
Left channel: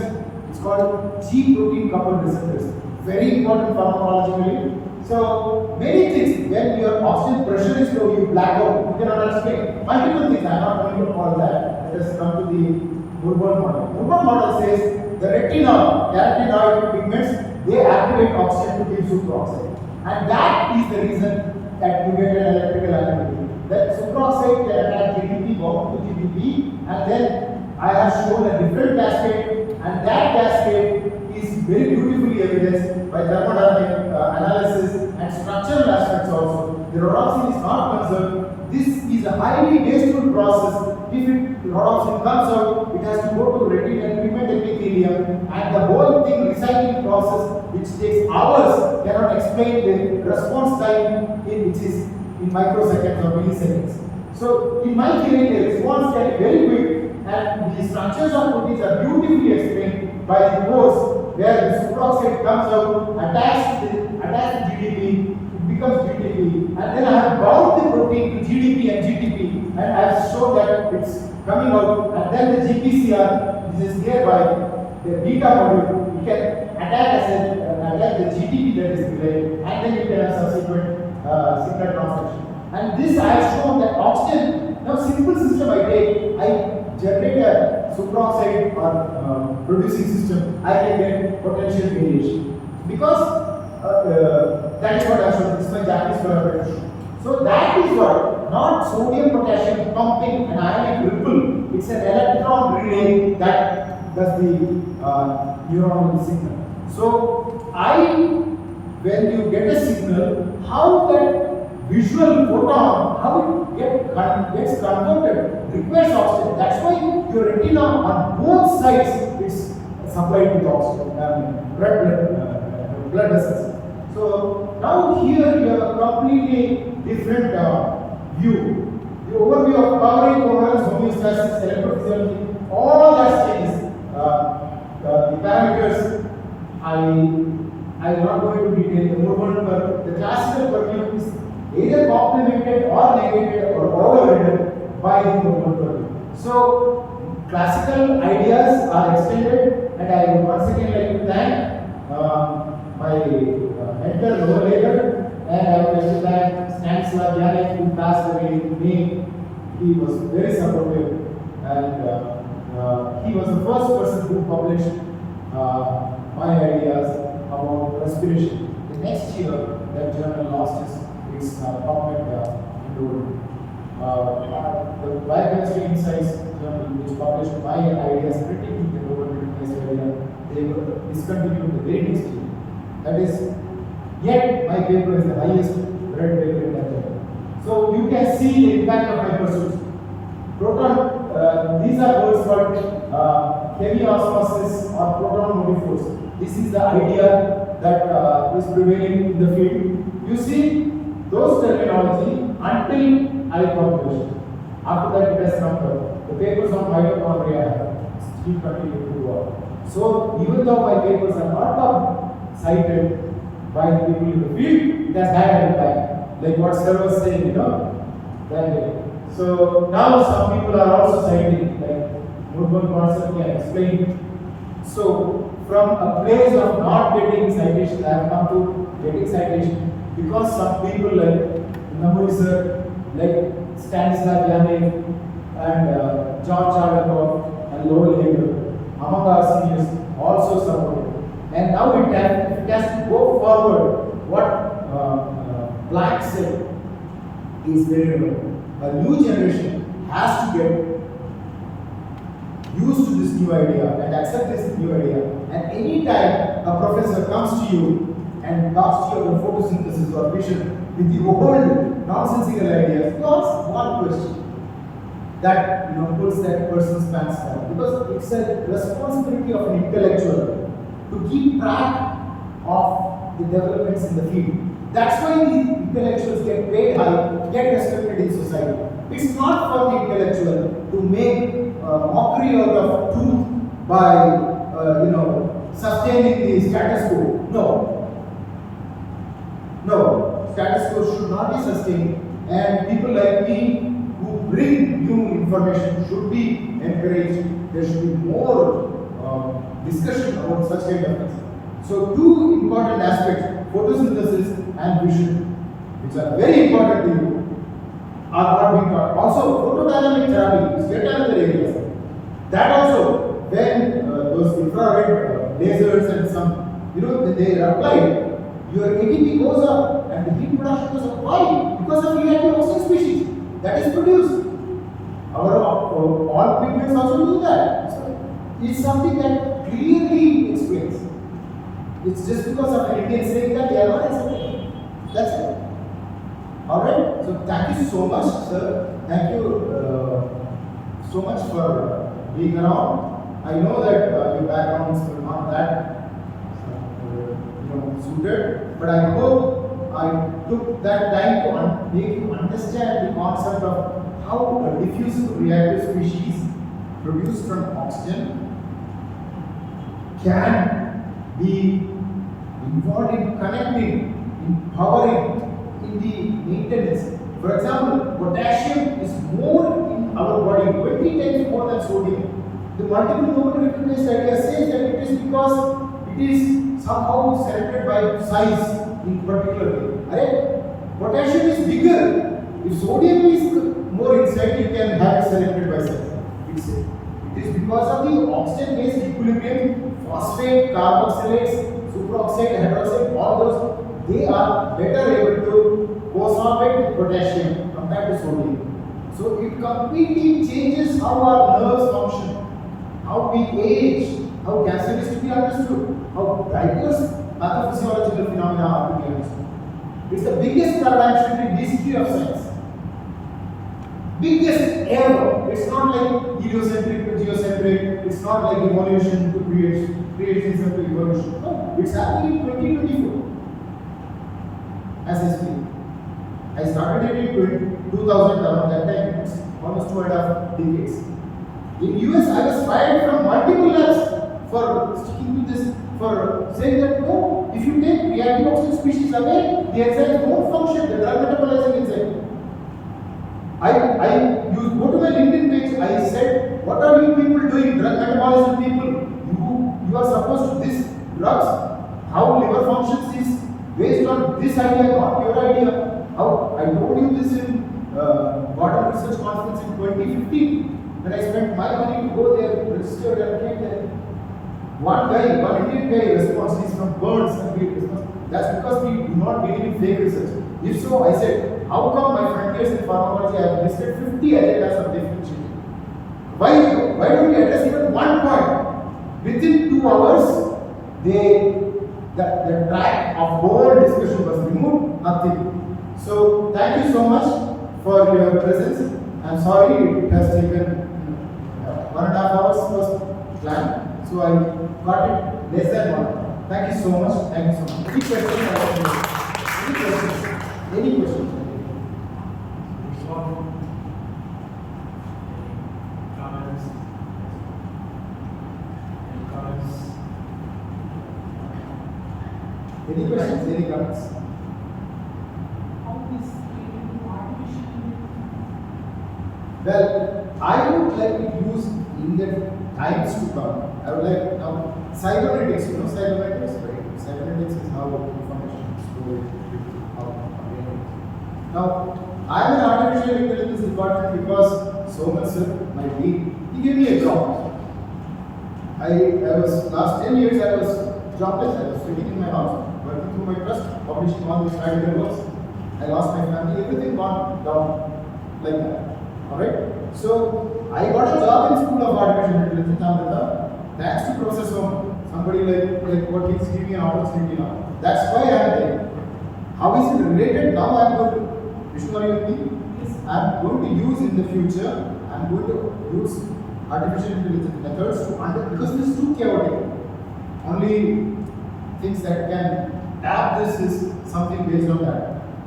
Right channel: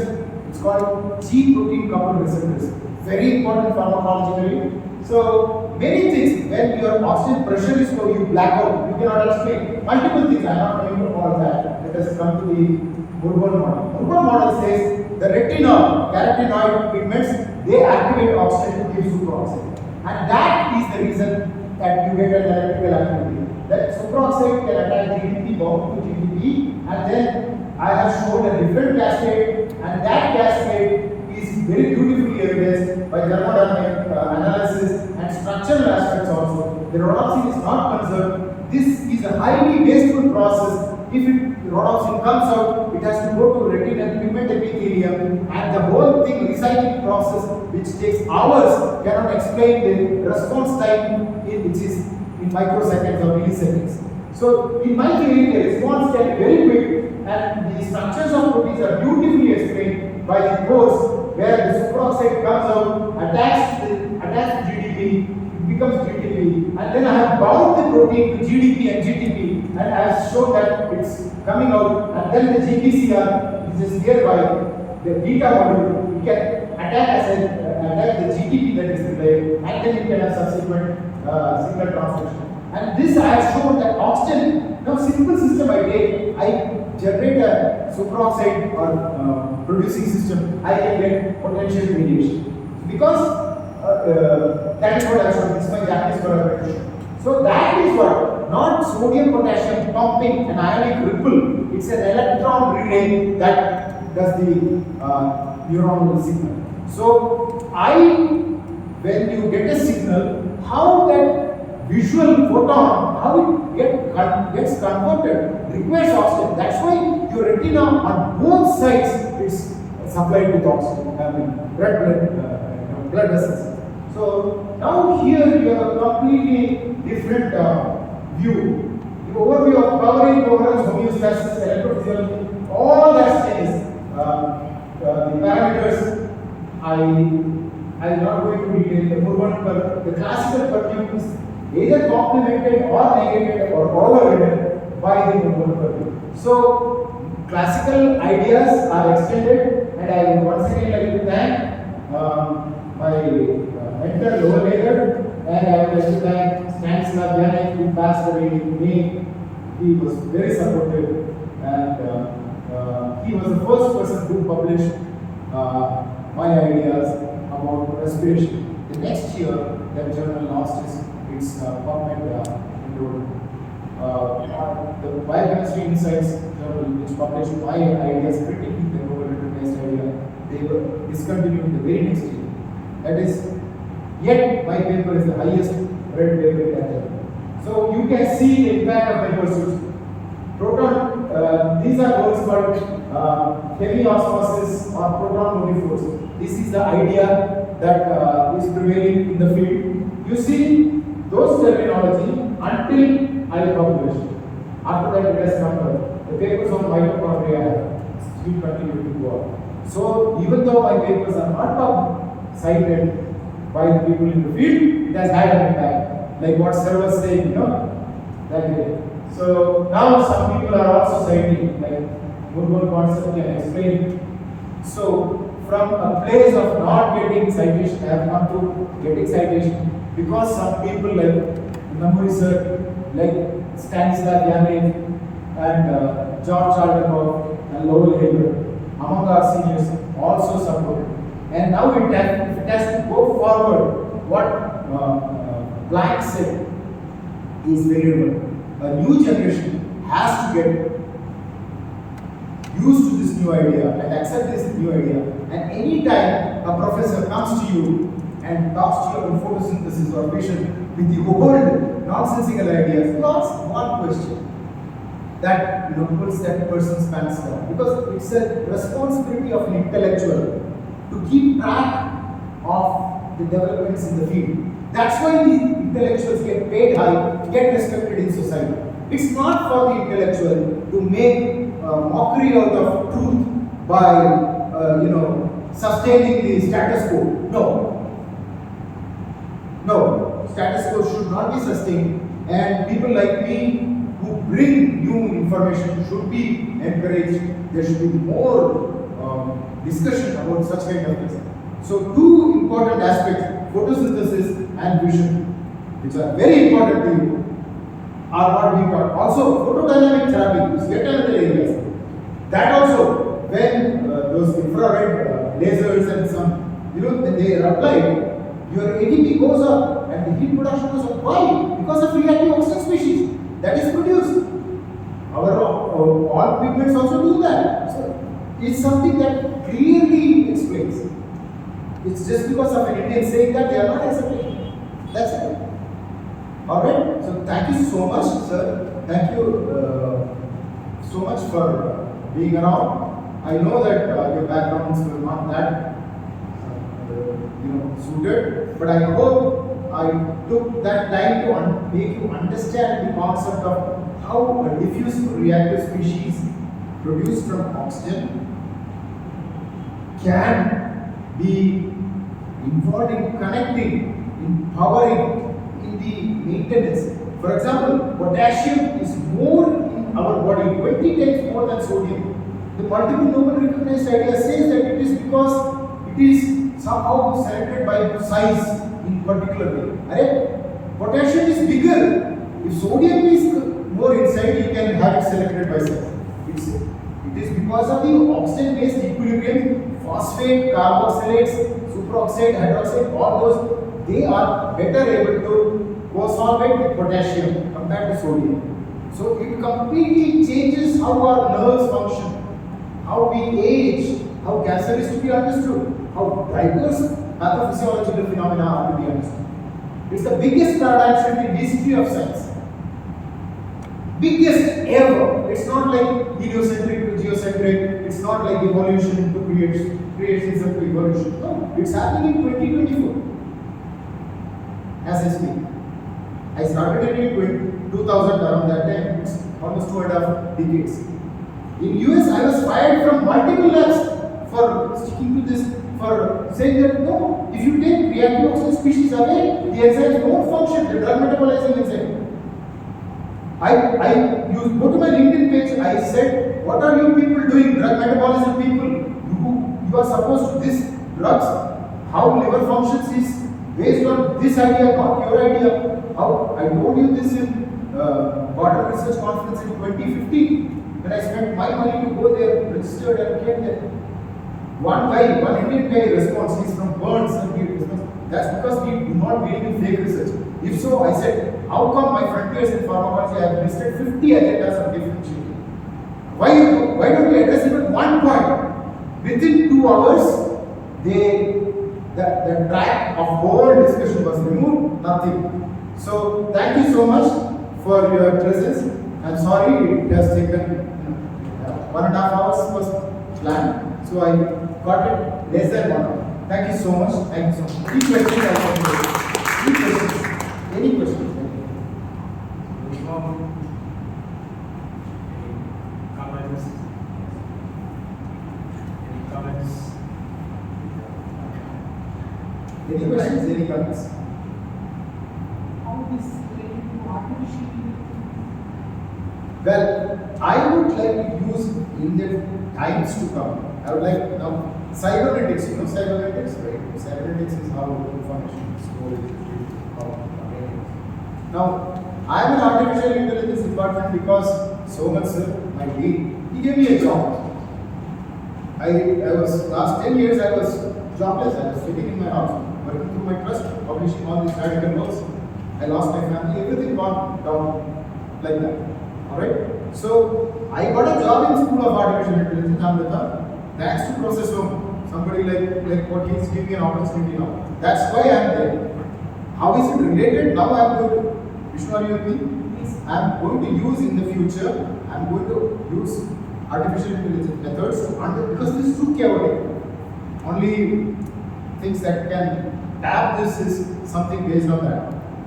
it's called G protein coupled receptors. Very important pharmacologically. So many things, when your oxygen pressure is low, you black out, you cannot explain. Multiple things, I am not going to all that. Let us come to the Murburn model. Murburn model says the retina, carotenoid pigments they activate oxygen to give superoxide. And that is the reason that you get an electrical activity. That superoxide can attack GDP, bound to GDP, and then I have shown a different cascade, and that cascade is very beautifully evidenced by thermodynamic analysis and structural aspects also. The rhodopsin is not conserved. This is a highly wasteful process. If the rhodopsin comes out, it has to go to retinal pigment epithelium, and the whole thing recycling process, which takes hours, cannot explain the response time which is in microseconds or milliseconds. So in my theory, the response can be very quick, and the structures of proteins are beautifully explained by the pores where the superoxide comes out, attached to GDP, it becomes GDP, and then I have bound the protein to GDP and GTP, and I have shown that it's coming out, and then the GPCR, which is nearby, the beta module, you can attack the GTP that is delayed, and then you can have subsequent signal transduction. And this I have shown that oxygen, now simple system I generate a superoxide or producing system, I can get potential variation. Because that is what I showed, this is my Japanese collaboration. So that is what, not sodium potassium pumping an ionic ripple, it's an electron relay that does the neuronal signal. So when you get a signal, how that visual photon, how it gets converted, requires oxygen. That's why your retina on both sides is supplied with oxygen, blood vessels. So now here you have a completely different view. The overview of powering, coherence, homeostasis, electrophysiology, all that changes. The parameters, I am not going to detail. The Murburn, but the classical perfume is either complemented or negated or overridden by the Murburn perfume. So classical ideas are extended, and I would once again like to thank my mentor, lower layer, and I would like to thank Stanislav Janek, who passed away in May. He was very supportive, and he was the first person who published my ideas about respiration. The next year, that journal lost its PubMed enrollment. The Biochemistry Insights journal, which published my ideas critiquing the Nobel recognized idea, they were discontinued the very next year. That is, yet my paper is the highest read paper in that journal. So you can see the impact of my pursuits. These are words called heavy osmosis or proton motive force. This is the idea that is prevailing in the field. You see those terminology until I published. After that, it has come to the papers on mitochondria still continue to go on. So even though my papers are not cited by the people in the field, it has had an impact. Like what Sir was saying, you know, that way. So now some people are also citing, like Murburn concept can explain. So from a place of not getting citation, I have come to getting citation because some people like Namuri sir, like Stanislav Janek and George Charlecoff and Lowell Hager, among our seniors, also supported. And now if it has to go forward, what Planck said is very low. A new generation has to get used to this new idea and accept this new idea. And anytime a professor comes to you and talks to you about photosynthesis or vision with the old nonsensical ideas, you ask one question that pulls that person's pants down. Because it's a responsibility of an intellectual to keep track of the developments in the field. That's why the intellectuals get paid high, get respected in society. It's not for the intellectual to make mockery out of truth by, sustaining the status quo. No, status quo should not be sustained. And people like me who bring new information should be encouraged. There should be more discussion about such kind of things. So two important aspects, photosynthesis and vision, which are very important to you, are not being taught. Also, photodynamic trapping is yet another area. That also, when those infrared lasers and some when they are applied, your ATP goes up and the heat production goes up. Why? Because of reactive oxygen species that is produced. Our all pigments also do that. So it's something that clearly explains. It's just because of an Indian saying that they are not accepting. That's it. Alright? So thank you so much, sir. Thank you so much for being around. I know that your backgrounds were not that suited, but I hope I took that time to make you understand the concept of how a diffusive reactive species produced from oxygen can be involved in connecting, in powering, in the maintenance. For example, potassium is more in our body, 20 times more than sodium. The multiple Nobel recognized idea says that it is because it is somehow selected by size in particular way. Right? Potassium is bigger. If sodium is more inside, you can have it selected by size. It is because of the oxygen-based equilibrium, phosphate, carboxylates, superoxide, hydroxide, all those, they are better able to co-solvate with potassium compared to sodium. So it completely changes how our nerves function, how we age, how cancer is to be understood, how diverse pathophysiological phenomena are to be understood. It's the biggest paradigm shift in the history of science. Biggest ever. It's not like heliocentric to geocentric. It's not like evolution to creationism to evolution. No, it's happening in 2024. As I speak. I started it in 2000, around that time. It's almost 2.5 decades. In US, I was fired from multiple labs for sticking to this, for saying that no, if you take reactive oxygen species away, the enzymes won't function, the drug metabolizing enzyme. You go to my LinkedIn page, I said, what are you people doing, drug metabolism people? You are supposed to, this drugs, how liver functions is based on this idea, not your idea. How I told you this in Gordon Research Conference in 2015, when I spent my money to go there, registered and came there. One Indian guy responds, he's from Burns, and he responds, that's because we do not believe in fake research. If so, I said, how come my frontiers in pharmacology I have listed 50 agendas of differentiation? Why don't we address even one point? Within 2 hours, the track of whole discussion was removed, nothing. So thank you so much for your presence. I'm sorry it has taken 1.5 hours was planned, so I got it less than 1 hour. Thank you so much. Thank you so much. Any questions? Any questions? Any questions? Comments? Any comments? Any questions? Any comments? How this related to artificial Well, I would like to use in the times to come. I would like now cybernetics. You know cybernetics, right? Cybernetics is how information is stored, how now I am in artificial intelligence department because so much my dean, he gave me a job. I was last 10 years I was jobless. I was sitting in my house, working through my trust, publishing all these article books. I lost my family, everything gone down like that. Alright? So I got a job in School of Artificial Intelligence, Ahmedabad, thanks to Professor somebody like what he's giving me an opportunity now. That's why I am there. How is it related? Now I am going to Vishnu, are you with me? I am going to use in the future, I am going to use artificial intelligence methods to because this is too chaotic. Only things that can tap this is something based on that.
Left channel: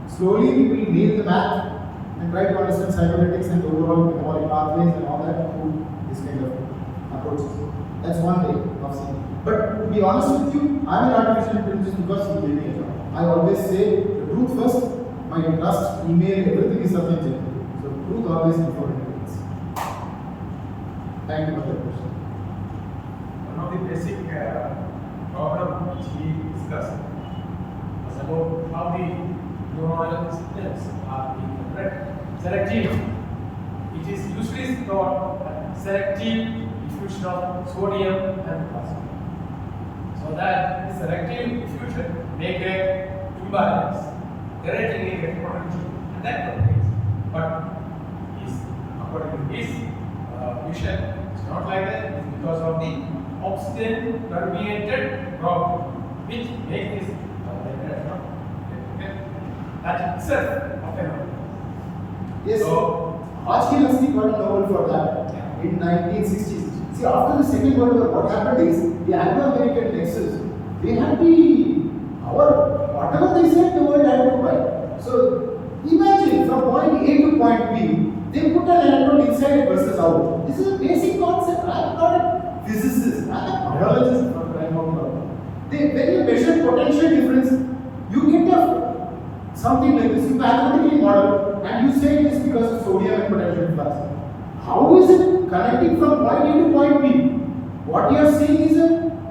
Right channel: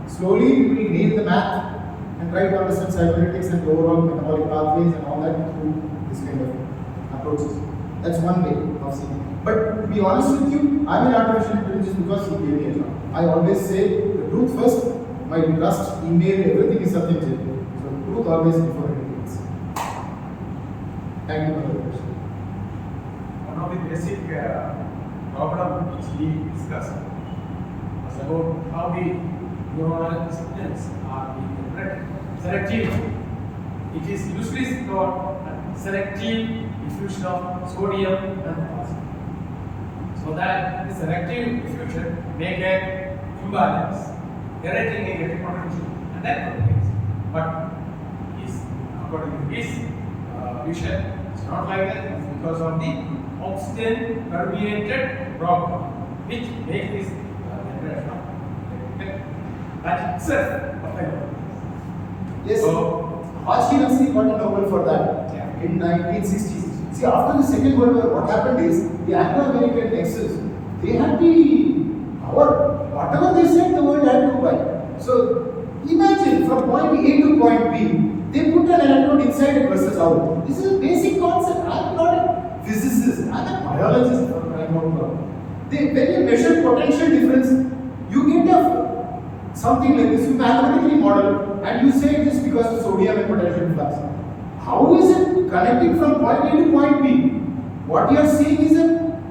Slowly we will nail the math and try to understand cybernetics and overall metabolic pathways and all that through this kind of approaches. That's one way of seeing it. But to be honest with you, I'm in artificial intelligence because he gave me a job. I always say the truth first, my trust, email, everything is something genuine. So truth always before anything else. Thank you for the question. One of the basic problem which he discussed was about how the neuronal signals are being selective. It is usually thought that selective diffusion of sodium and phosphate. So So that this selective diffusion make a imbalance, generating a potential, and that propagates. But is according to his vision, it's not like that. It's because of the oxygen permeated problem, which makes this generation of electrical that itself of a Yes, So, Hodgkin actually got a Nobel for that Yeah. in 1960s. See, after the Second World War, what happened is the Anglo-American Nexus, they had the power, whatever they said, the world had to buy. So, imagine from point A to point B, they put an electrode inside versus out. This is a basic concept. I am not a physicist, I am a biologist for crying out loud. When you measure potential difference, you get something like this. You mathematically model and you say it is because of sodium and potential flux. How is it connecting from point A to point B? What you are seeing is a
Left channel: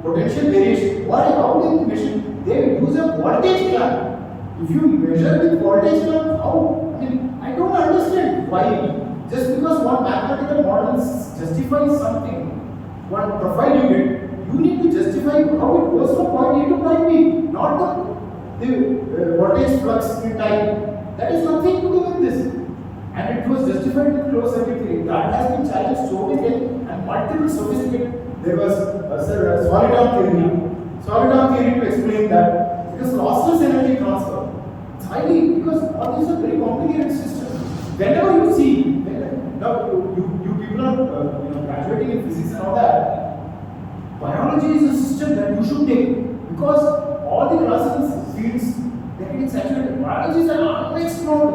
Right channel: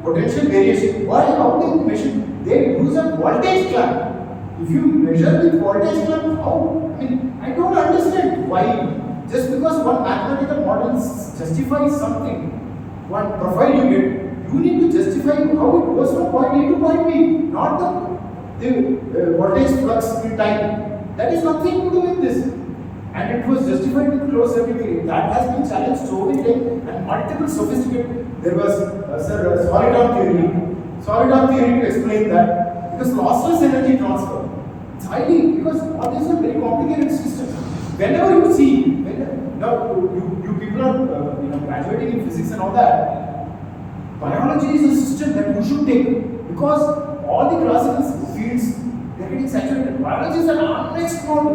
potential variation. Why? How do you measure? They use a voltage clamp. If you measure with voltage clamp, how? I mean, I don't understand why. Just because one mathematical model justifies something, one profile you get, you need to justify how it goes from point A to point B, not the voltage flux in time. That is nothing to do with this. And it was justified with closed circuit theory. That has been challenged so many times and multiple sophisticated. There was solid theory to explain that because lossless energy transfer. It's highly because all these are very complicated systems. Whenever you see, now you people are graduating in physics and all that. Biology is a system that you should take because all the classical fields they're getting saturated. Biology is an unexplored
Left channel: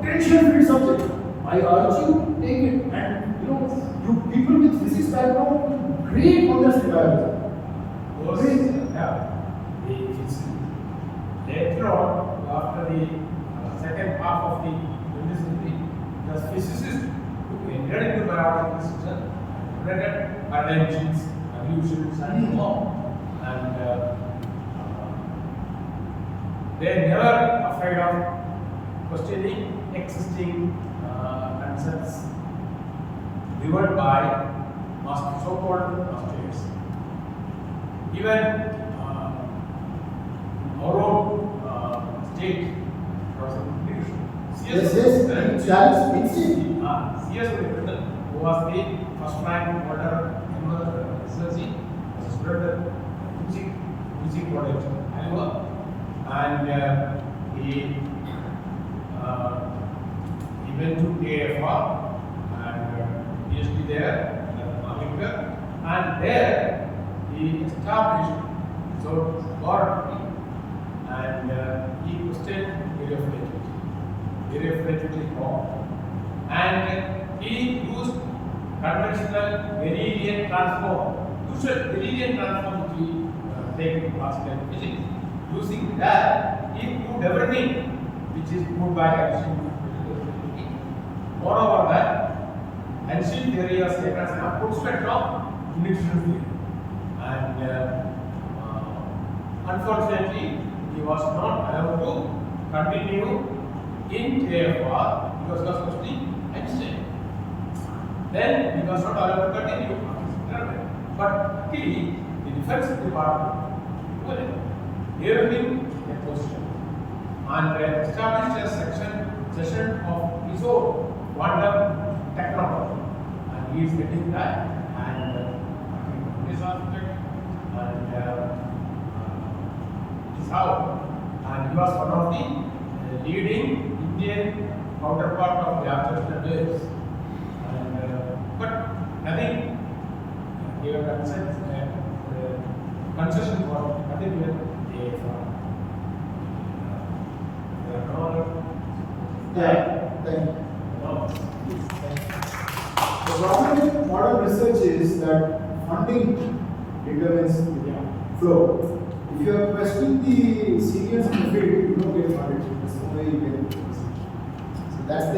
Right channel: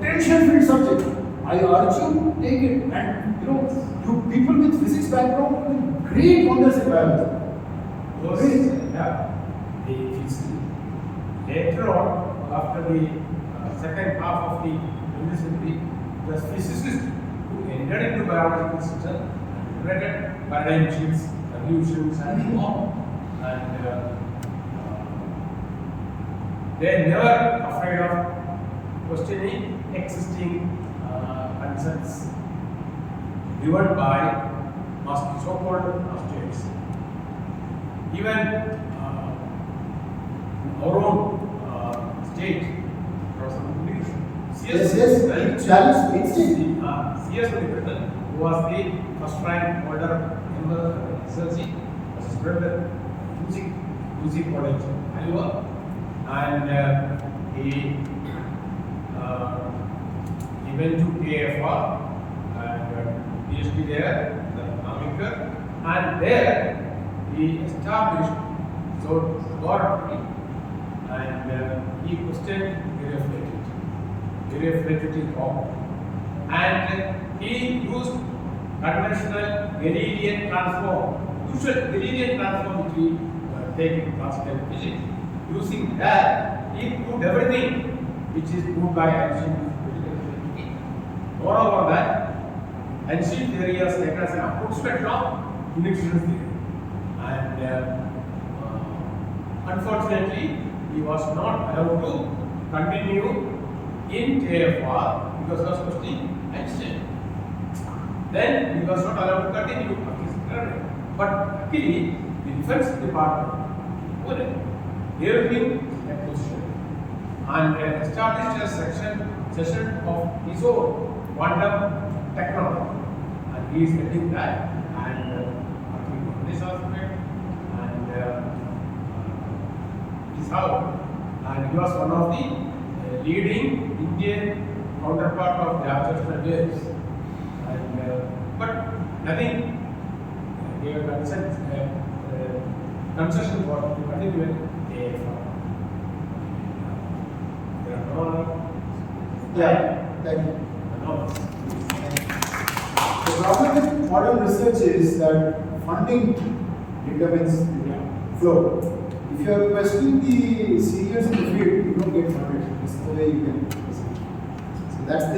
potential field subject. I urge you take it, and you people with physics background will great wonders in biology. Yeah. Later on, after the second half of the 20th century, the physicists who entered into biological system and generated paradigm shifts, evolutions, and so on. And they never afraid of questioning existing concepts driven by so-called masters. Even in our own state, Professor Yes, it challenged instinct. C.S. who was the first rank holder in the SLC, was a student UC College, Iowa, and he went to AFR and PhD there, the America, and there he established his own laboratory and he questioned theory of relativity. Theory of relativity is wrong. And he used conventional Mendelian transform, usual Mendelian transform which we take in classical physics. Using that, he proved everything which is proved by Einstein. Moreover, that Einstein theory was taken as an approximate of universal theory. And unfortunately, he was not allowed to continue in TFR because he was questioning Einstein. Then he was not allowed to continue after his career. But luckily, the defense department gave him a position and established a session of his own quantum technology, and he is getting that and working on this aspect, and this is how, and he was one of the leading Indian counterpart of the gravitational waves, and but nothing gave concession for the particular AFR. There are no other. Yeah, thank you. No. The problem with modern research is that funding determines the flow. If you are questioning the seniors in the field, you don't get funded. There's no way you can proceed. So that's the